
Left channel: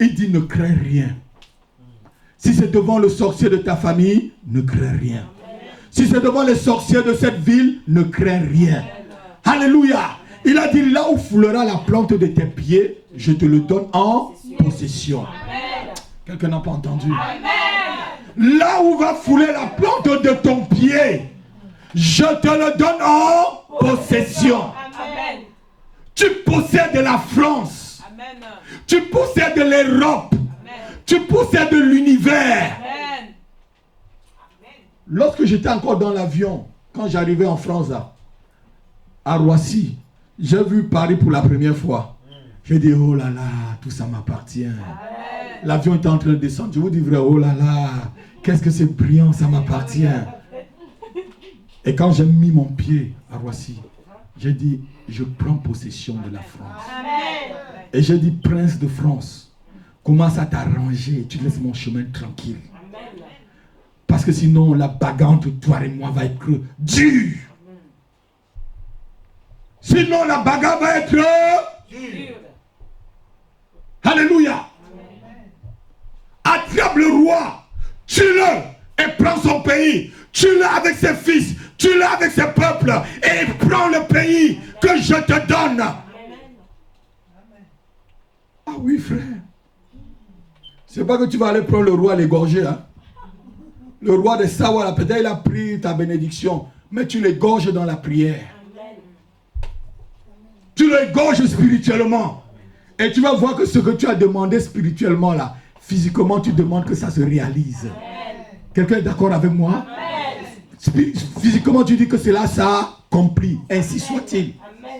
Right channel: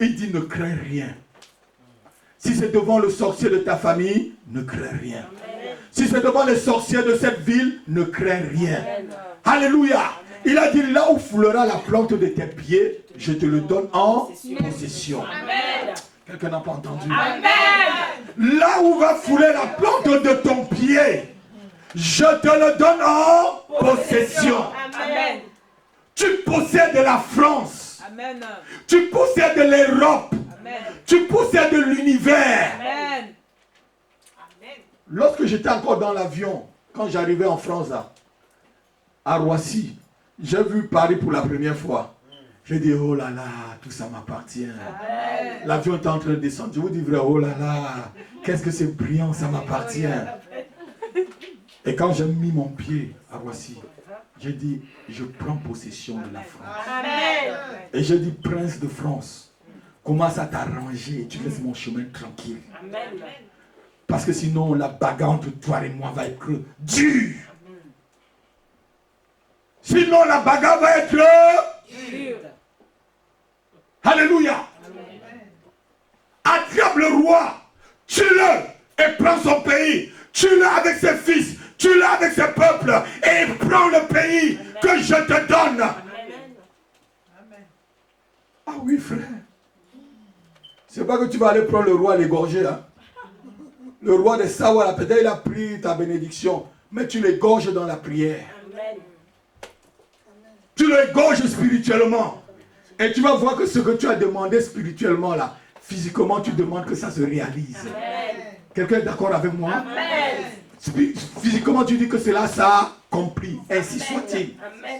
Il dit, ne crains rien. Si c'est devant le sorcier de ta famille, ne crains rien. Si c'est devant les sorciers de cette ville, ne crains rien. Alléluia. Il a dit, là où foulera la plante de tes pieds, je te le donne en possession. Amen. Quelqu'un n'a pas entendu? Amen. Là où va fouler la plante de ton pied, je te le donne en possession. Amen. Tu possèdes la France. Amen. Tu possèdes l'Europe. Tu possèdes l'univers. Amen. Amen. Lorsque j'étais encore dans l'avion, quand j'arrivais en France, là, à Roissy, j'ai vu Paris pour la première fois. J'ai dit, oh là là, tout ça m'appartient. L'avion était en train de descendre. Je vous dis vrai, oh là là, qu'est-ce que c'est brillant, ça m'appartient. Et quand j'ai mis mon pied à Roissy, j'ai dit, je prends possession de la France. Amen. Et j'ai dit, prince de France, commence à t'arranger, tu laisses mon chemin tranquille. Amen. Parce que sinon, la bagarre entre toi et moi va être dure. Sinon, la bagarre va être dure. Alléluia. Attrape le roi, tue-le et prends son pays. Tue-le avec ses fils, tue-le avec ses peuples et prends le pays que je te donne. Ah oui, frère. C'est pas que tu vas aller prendre le roi à l'égorger. Hein? Le roi de Sawa, peut-être il a pris ta bénédiction, mais tu l'égorges dans la prière. Amen. Tu l'égorges spirituellement. Et tu vas voir que ce que tu as demandé spirituellement là, physiquement tu demandes que ça se réalise. Quelqu'un est d'accord avec moi? Amen. Physiquement tu dis que c'est là ça accompli. Ainsi soit-il. Amen.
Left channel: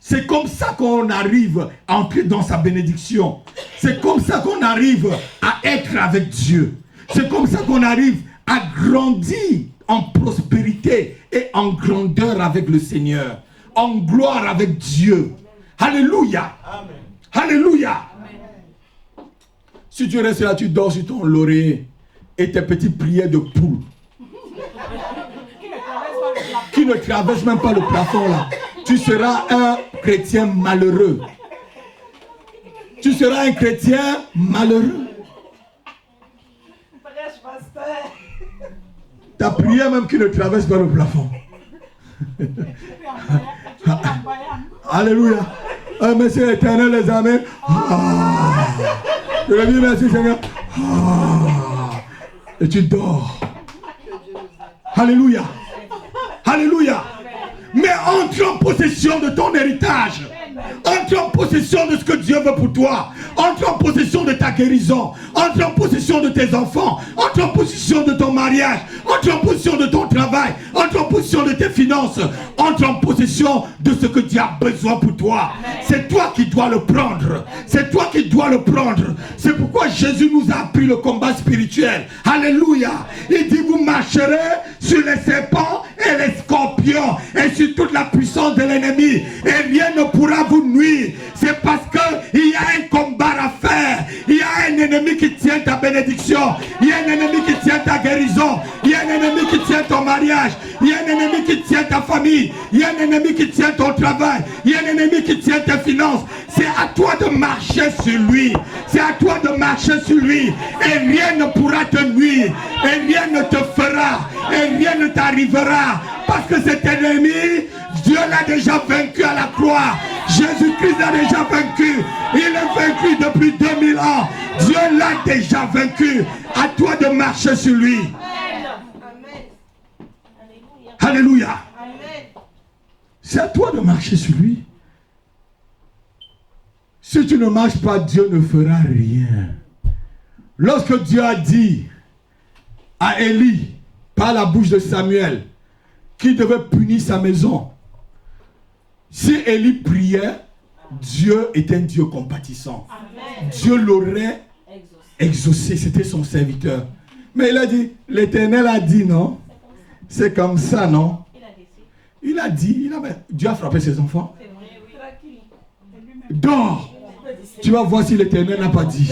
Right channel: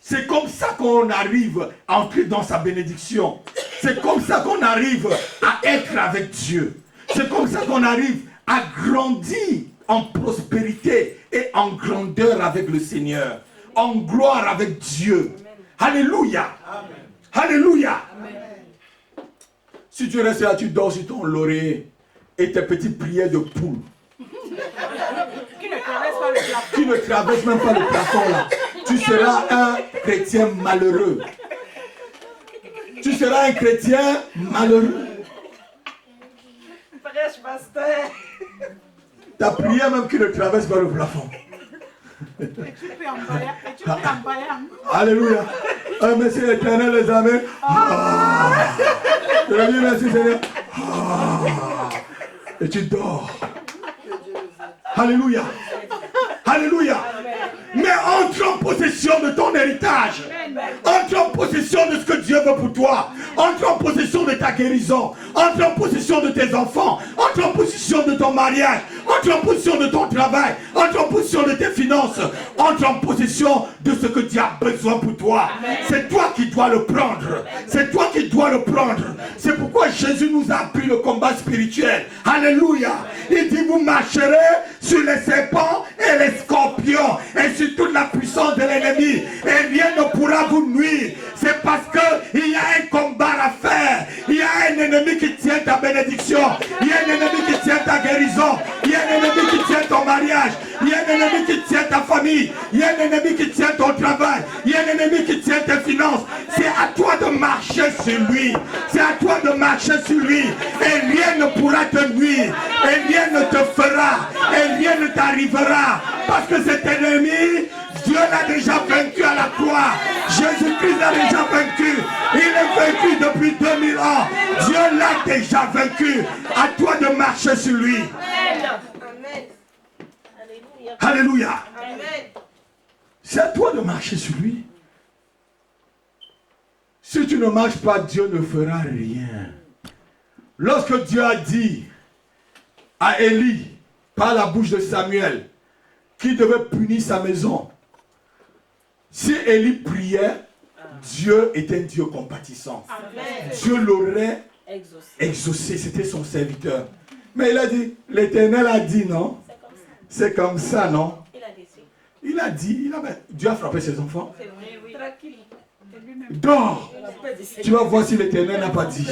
C'est comme ça qu'on arrive à entrer dans sa bénédiction. C'est comme ça qu'on arrive à être avec Dieu. C'est comme ça qu'on arrive à grandir en prospérité et en grandeur avec le Seigneur. En gloire avec Dieu. Alléluia. Alléluia. Si tu restes là, tu dors sur ton laurier et tes petites prières de poule Qui ne traverse pas le plan. qui ne traversent même pas le plafond là. Tu seras un chrétien malheureux. Tu seras un chrétien malheureux. Prêche, pasteur. Ta prière même qui ne traverse pas le plafond. Alléluia. Ah, monsieur l'éternel, les amis. Je le dis merci Seigneur. Et tu dors. Alléluia. Alléluia. Mais entre en possession de ton héritage. Entre en possession de ce que Dieu veut pour toi. Entre en possession de ta guérison. Entre en possession de tes enfants. Entre en possession de ton mariage. Entre en possession de ton travail. Entre en possession de tes finances. Entre en possession de ce que Dieu a besoin pour toi. C'est toi qui dois le prendre. C'est toi qui dois le prendre. C'est pourquoi Jésus nous a appris le combat spirituel. Alléluia. Il dit vous marcherez sur les serpents et les scorpions et sur toute la puissance de l'ennemi. Et rien ne pourra vous nuire. C'est parce qu'il y a un combat à faire. Il y a un ennemi qui tient ta bénédiction. Il y a un ennemi qui tient ta guérison. Il y a un ennemi qui tient ton mariage. Il y a un ennemi qui tient ta famille. Il y a un ennemi qui tient ton travail. Il y a un ennemi qui tient tes finances. C'est à toi de marcher sur lui. C'est à toi de marcher sur lui. Et rien ne pourra te nuire. Et rien ne te fera. Et rien ne t'arrivera. Parce que cet ennemi, Dieu l'a déjà vaincu à la croix. Jésus-Christ l'a déjà vaincu. Il est vaincu depuis 2000 ans. Dieu l'a déjà vaincu. À toi de marcher sur lui. Alléluia. C'est à toi de marcher sur lui. Si tu ne marches pas, Dieu ne fera rien. Lorsque Dieu a dit à Élie, par la bouche de Samuel, qu'il devait punir sa maison, si Élie priait, Dieu est un Dieu compatissant. Amen. Dieu l'aurait exaucé. C'était son serviteur. Mais il a dit, l'Éternel a dit non. C'est comme ça, non? Il a dit, Dieu a frappé ses enfants. Dors. Tu vas voir si l'Éternel n'a pas dit.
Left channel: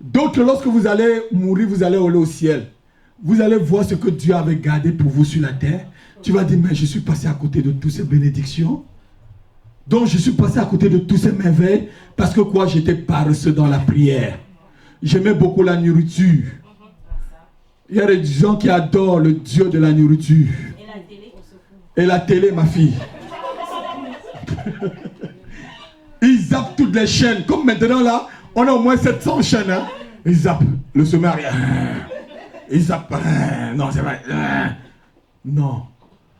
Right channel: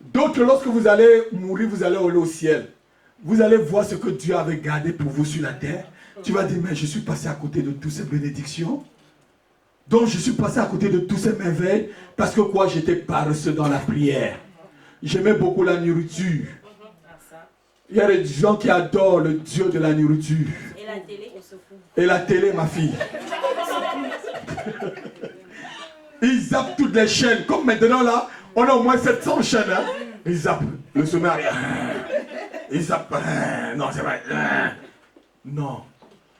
Donc, lorsque vous allez mourir, vous allez aller au ciel. Vous allez voir ce que Dieu avait gardé pour vous sur la terre. Tu vas dire, mais je suis passé à côté de toutes ces bénédictions. Donc, je suis passé à côté de toutes ces merveilles. Parce que quoi? J'étais paresseux dans la prière. J'aimais beaucoup la nourriture. Il y a des gens qui adorent le Dieu de la nourriture. Et la télé? Et la télé, ma fille. Ils zappent toutes les chaînes. Comme maintenant, là, on a au moins 700 chaînes. Hein? Ils zappent. Le sommaire. Ils zappent. Non, c'est vrai. Non.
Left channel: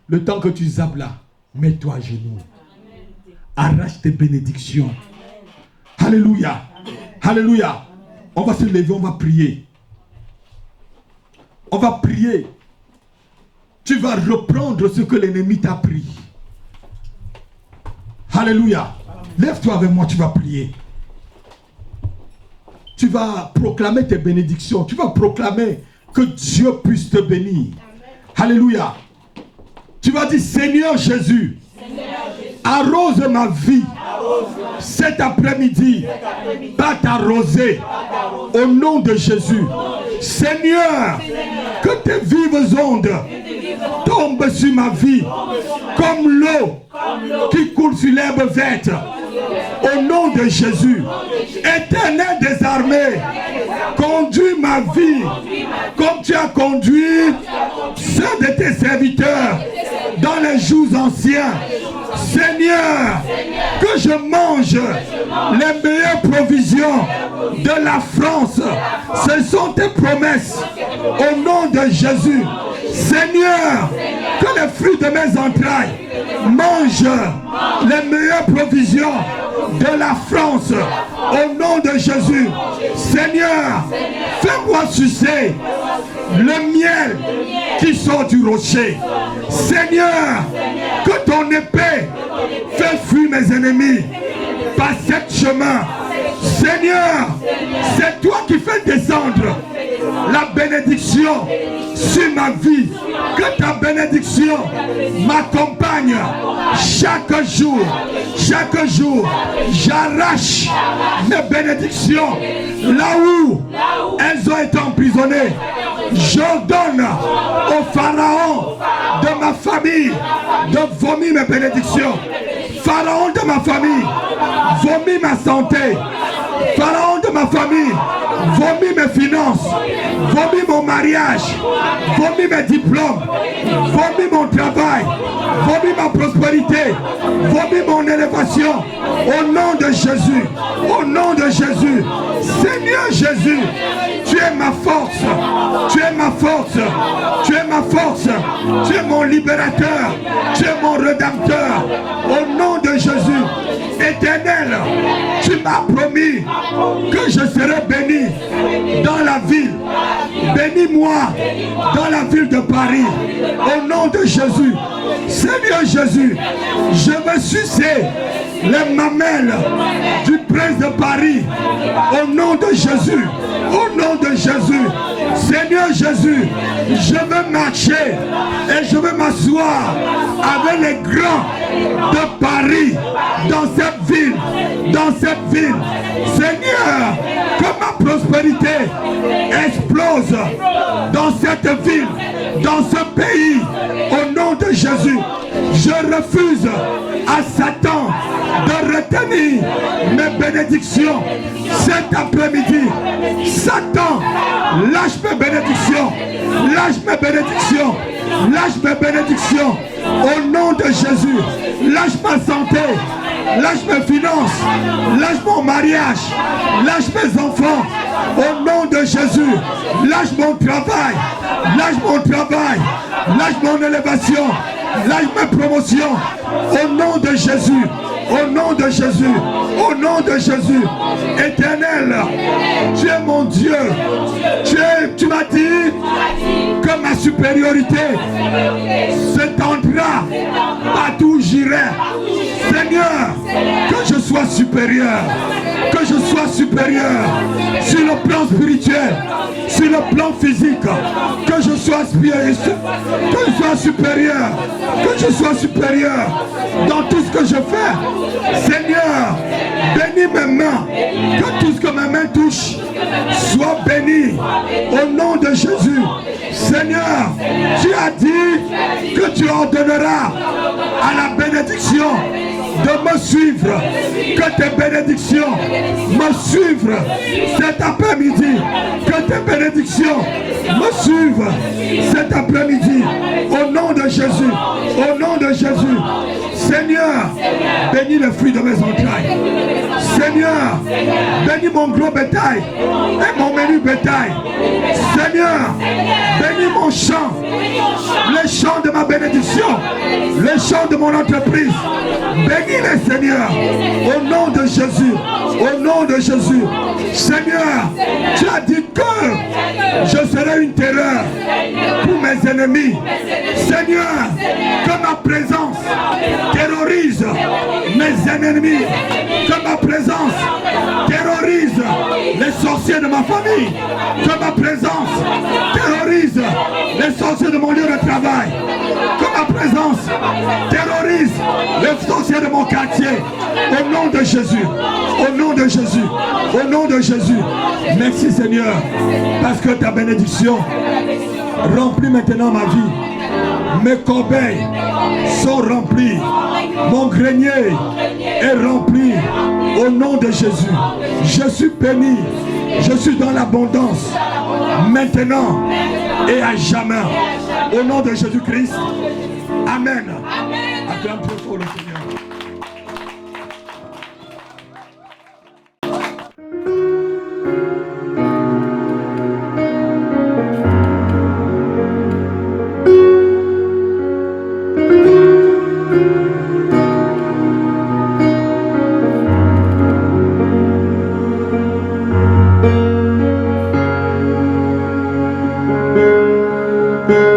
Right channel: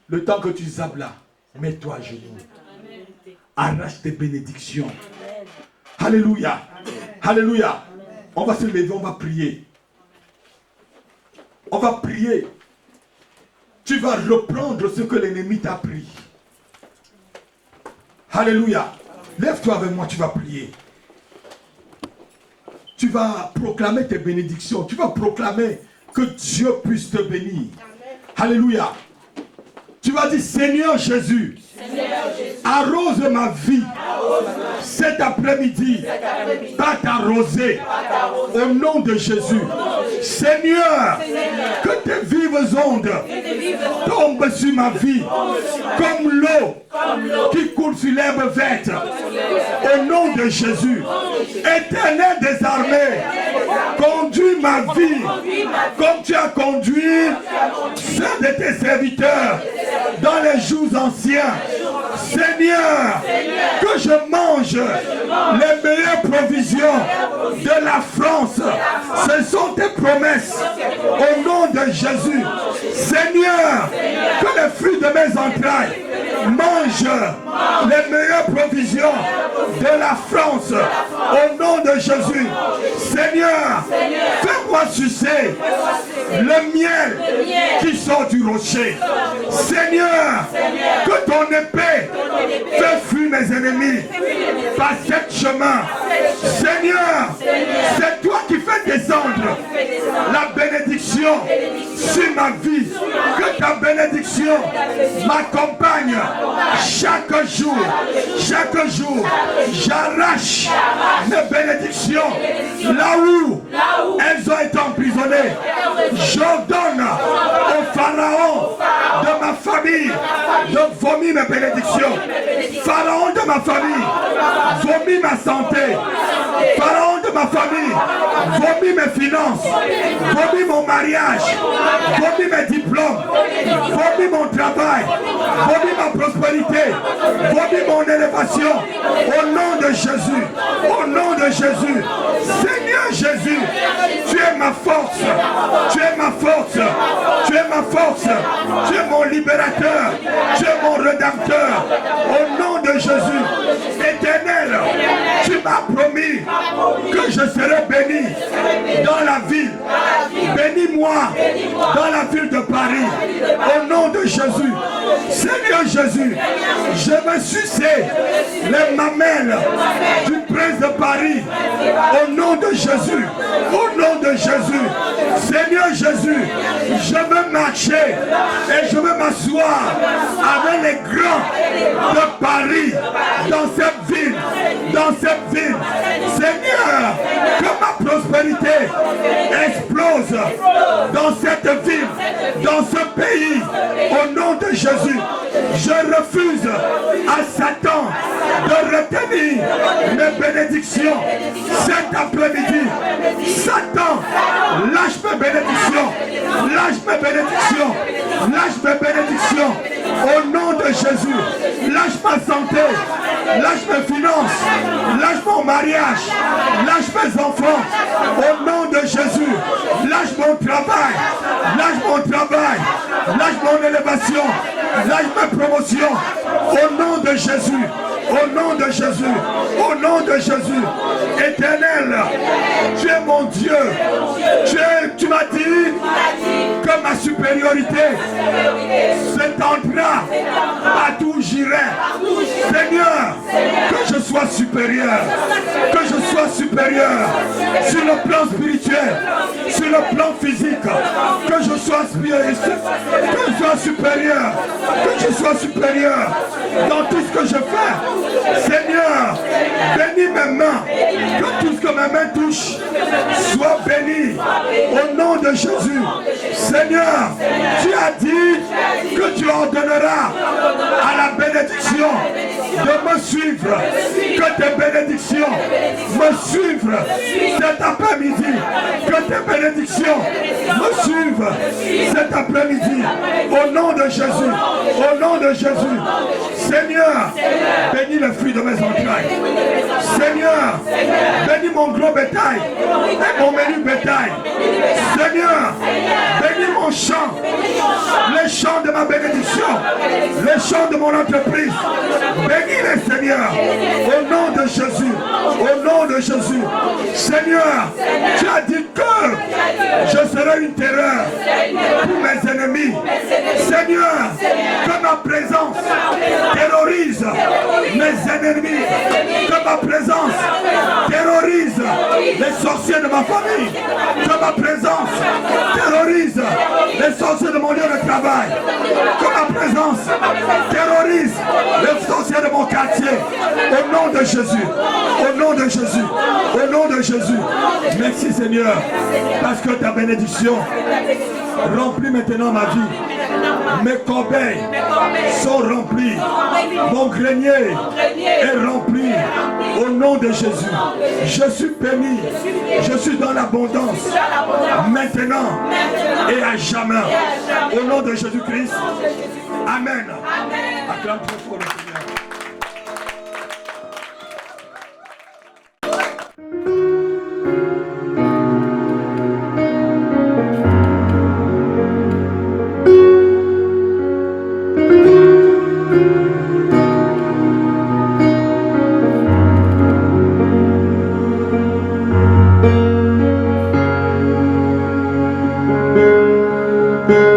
Le temps que tu zappes là, mets-toi à genoux. Arrache tes bénédictions. Alléluia. Alléluia. On va se lever, on va prier. On va prier. Tu vas reprendre ce que l'ennemi t'a pris. Alléluia. Lève-toi avec moi, tu vas prier. Tu vas proclamer tes bénédictions. Tu vas proclamer que Dieu puisse te bénir. Alléluia. Tu vas dire, Seigneur Jésus, arrose ma vie cet après-midi par ta rosée. Au nom de Jésus. Seigneur, que tes vives ondes tombent sur ma vie comme l'eau qui coule sur l'herbe verte. Au nom de Jésus. Éternel des armées, conduis ma vie comme tu as conduit ceux de tes serviteurs dans les jours anciens. Seigneur, que je mange les meilleures provisions de la France. Ce sont tes promesses. Au nom de Jésus. Seigneur, que les fruits de mes entrailles mangent les meilleures provisions de la France. Au nom de Jésus. Seigneur, fais-moi sucer le miel qui sort du rocher. Seigneur, que ton épée fait fuir mes ennemis par cet chemin. Seigneur, c'est toi qui fais descendre la bénédiction sur ma vie. Que ta bénédiction m'accompagne chaque jour. Chaque jour, j'arrache les bénédictions là où elles ont été emprisonnées. J'ordonne au Pharaon de ma famille de vomir mes bénédictions. Pharaon de ma famille, vomit ma santé. Pharaon de ma famille, vomit mes finances, vomit mon mariage, vomit mes diplômes, vomit mon travail, vomit ma prospérité, vomit mon élévation. Au nom de Jésus, au nom de Jésus, Seigneur Jésus, tu es ma force, tu es ma force, tu es ma force, tu es mon libérateur, tu es mon rédempteur. Au nom de Jésus, Éternel, tu m'as promis que je serai béni dans la ville. Bénis-moi dans la ville de Paris. Au nom de Jésus, Seigneur Jésus, je veux sucer les mamelles du prince de Paris. Au nom de Jésus, au nom de Jésus, Seigneur Jésus, je veux marcher et je veux m'asseoir avec les grands de Paris dans cette ville, dans cette ville. Seigneur, que ma prospérité explose dans cette ville, dans ce pays. Au nom de Jésus, je refuse à Satan de retenir mes bénédictions cet après-midi. Satan, lâche mes bénédictions, lâche mes bénédictions, lâche mes bénédictions. Au nom de Jésus, lâche ma santé, lâche mes finances, lâche mon mariage, lâche mes enfants. Au nom de Jésus, lâche mon travail, lâche mon travail, lâche mon élévation, lâche mes promotions. Au nom de Jésus, au nom de Jésus, au nom de Jésus. Éternel, tu es mon Dieu. Tu m'as dit que ma supériorité s'étendra partout où j'irai. Seigneur, que je sois supérieur, que je sois supérieur sur le plan spirituel, sur le plan physique, que je sois spirituel, que je sois supérieur, que je sois supérieur dans tout ce que je fais. Seigneur, bénis mes mains, que tout ce que mes mains touchent soit béni au nom de Jésus. Seigneur, tu as dit que tu ordonneras à la bénédiction de me suivre, que tes bénédictions me suivent cet après-midi, que tes bénédictions me suivent cet après-midi, au nom de Jésus, au nom de Jésus. Seigneur, bénis le fruit de mes entrailles. Seigneur, bénis mon gros bétail et mon menu bétail. Seigneur, bénis mon champ, les champs de ma bénédiction, les champs de mon entreprise. Bénis-les, Seigneur, au nom de Jésus, au nom de Jésus. Seigneur, tu as dit que je serai une terreur pour mes ennemis. Seigneur, que ma présence terrorise mes ennemis, que ma présence terrorise les sorciers de ma famille, que ma présence terrorise les sorciers de mon lieu de travail, que ma présence terrorise les sorciers de mon quartier. Au nom de Jésus, au nom de Jésus, au nom de Jésus. Merci Seigneur, parce que ta bénédiction remplit maintenant ma vie. Mes corbeilles sont remplies. Mon grenier est rempli. Au nom de Jésus, je suis béni. Je suis dans l'abondance. Maintenant et à jamais. Au nom de Jésus-Christ. Amen. Acclame très fort le Seigneur. Thank you.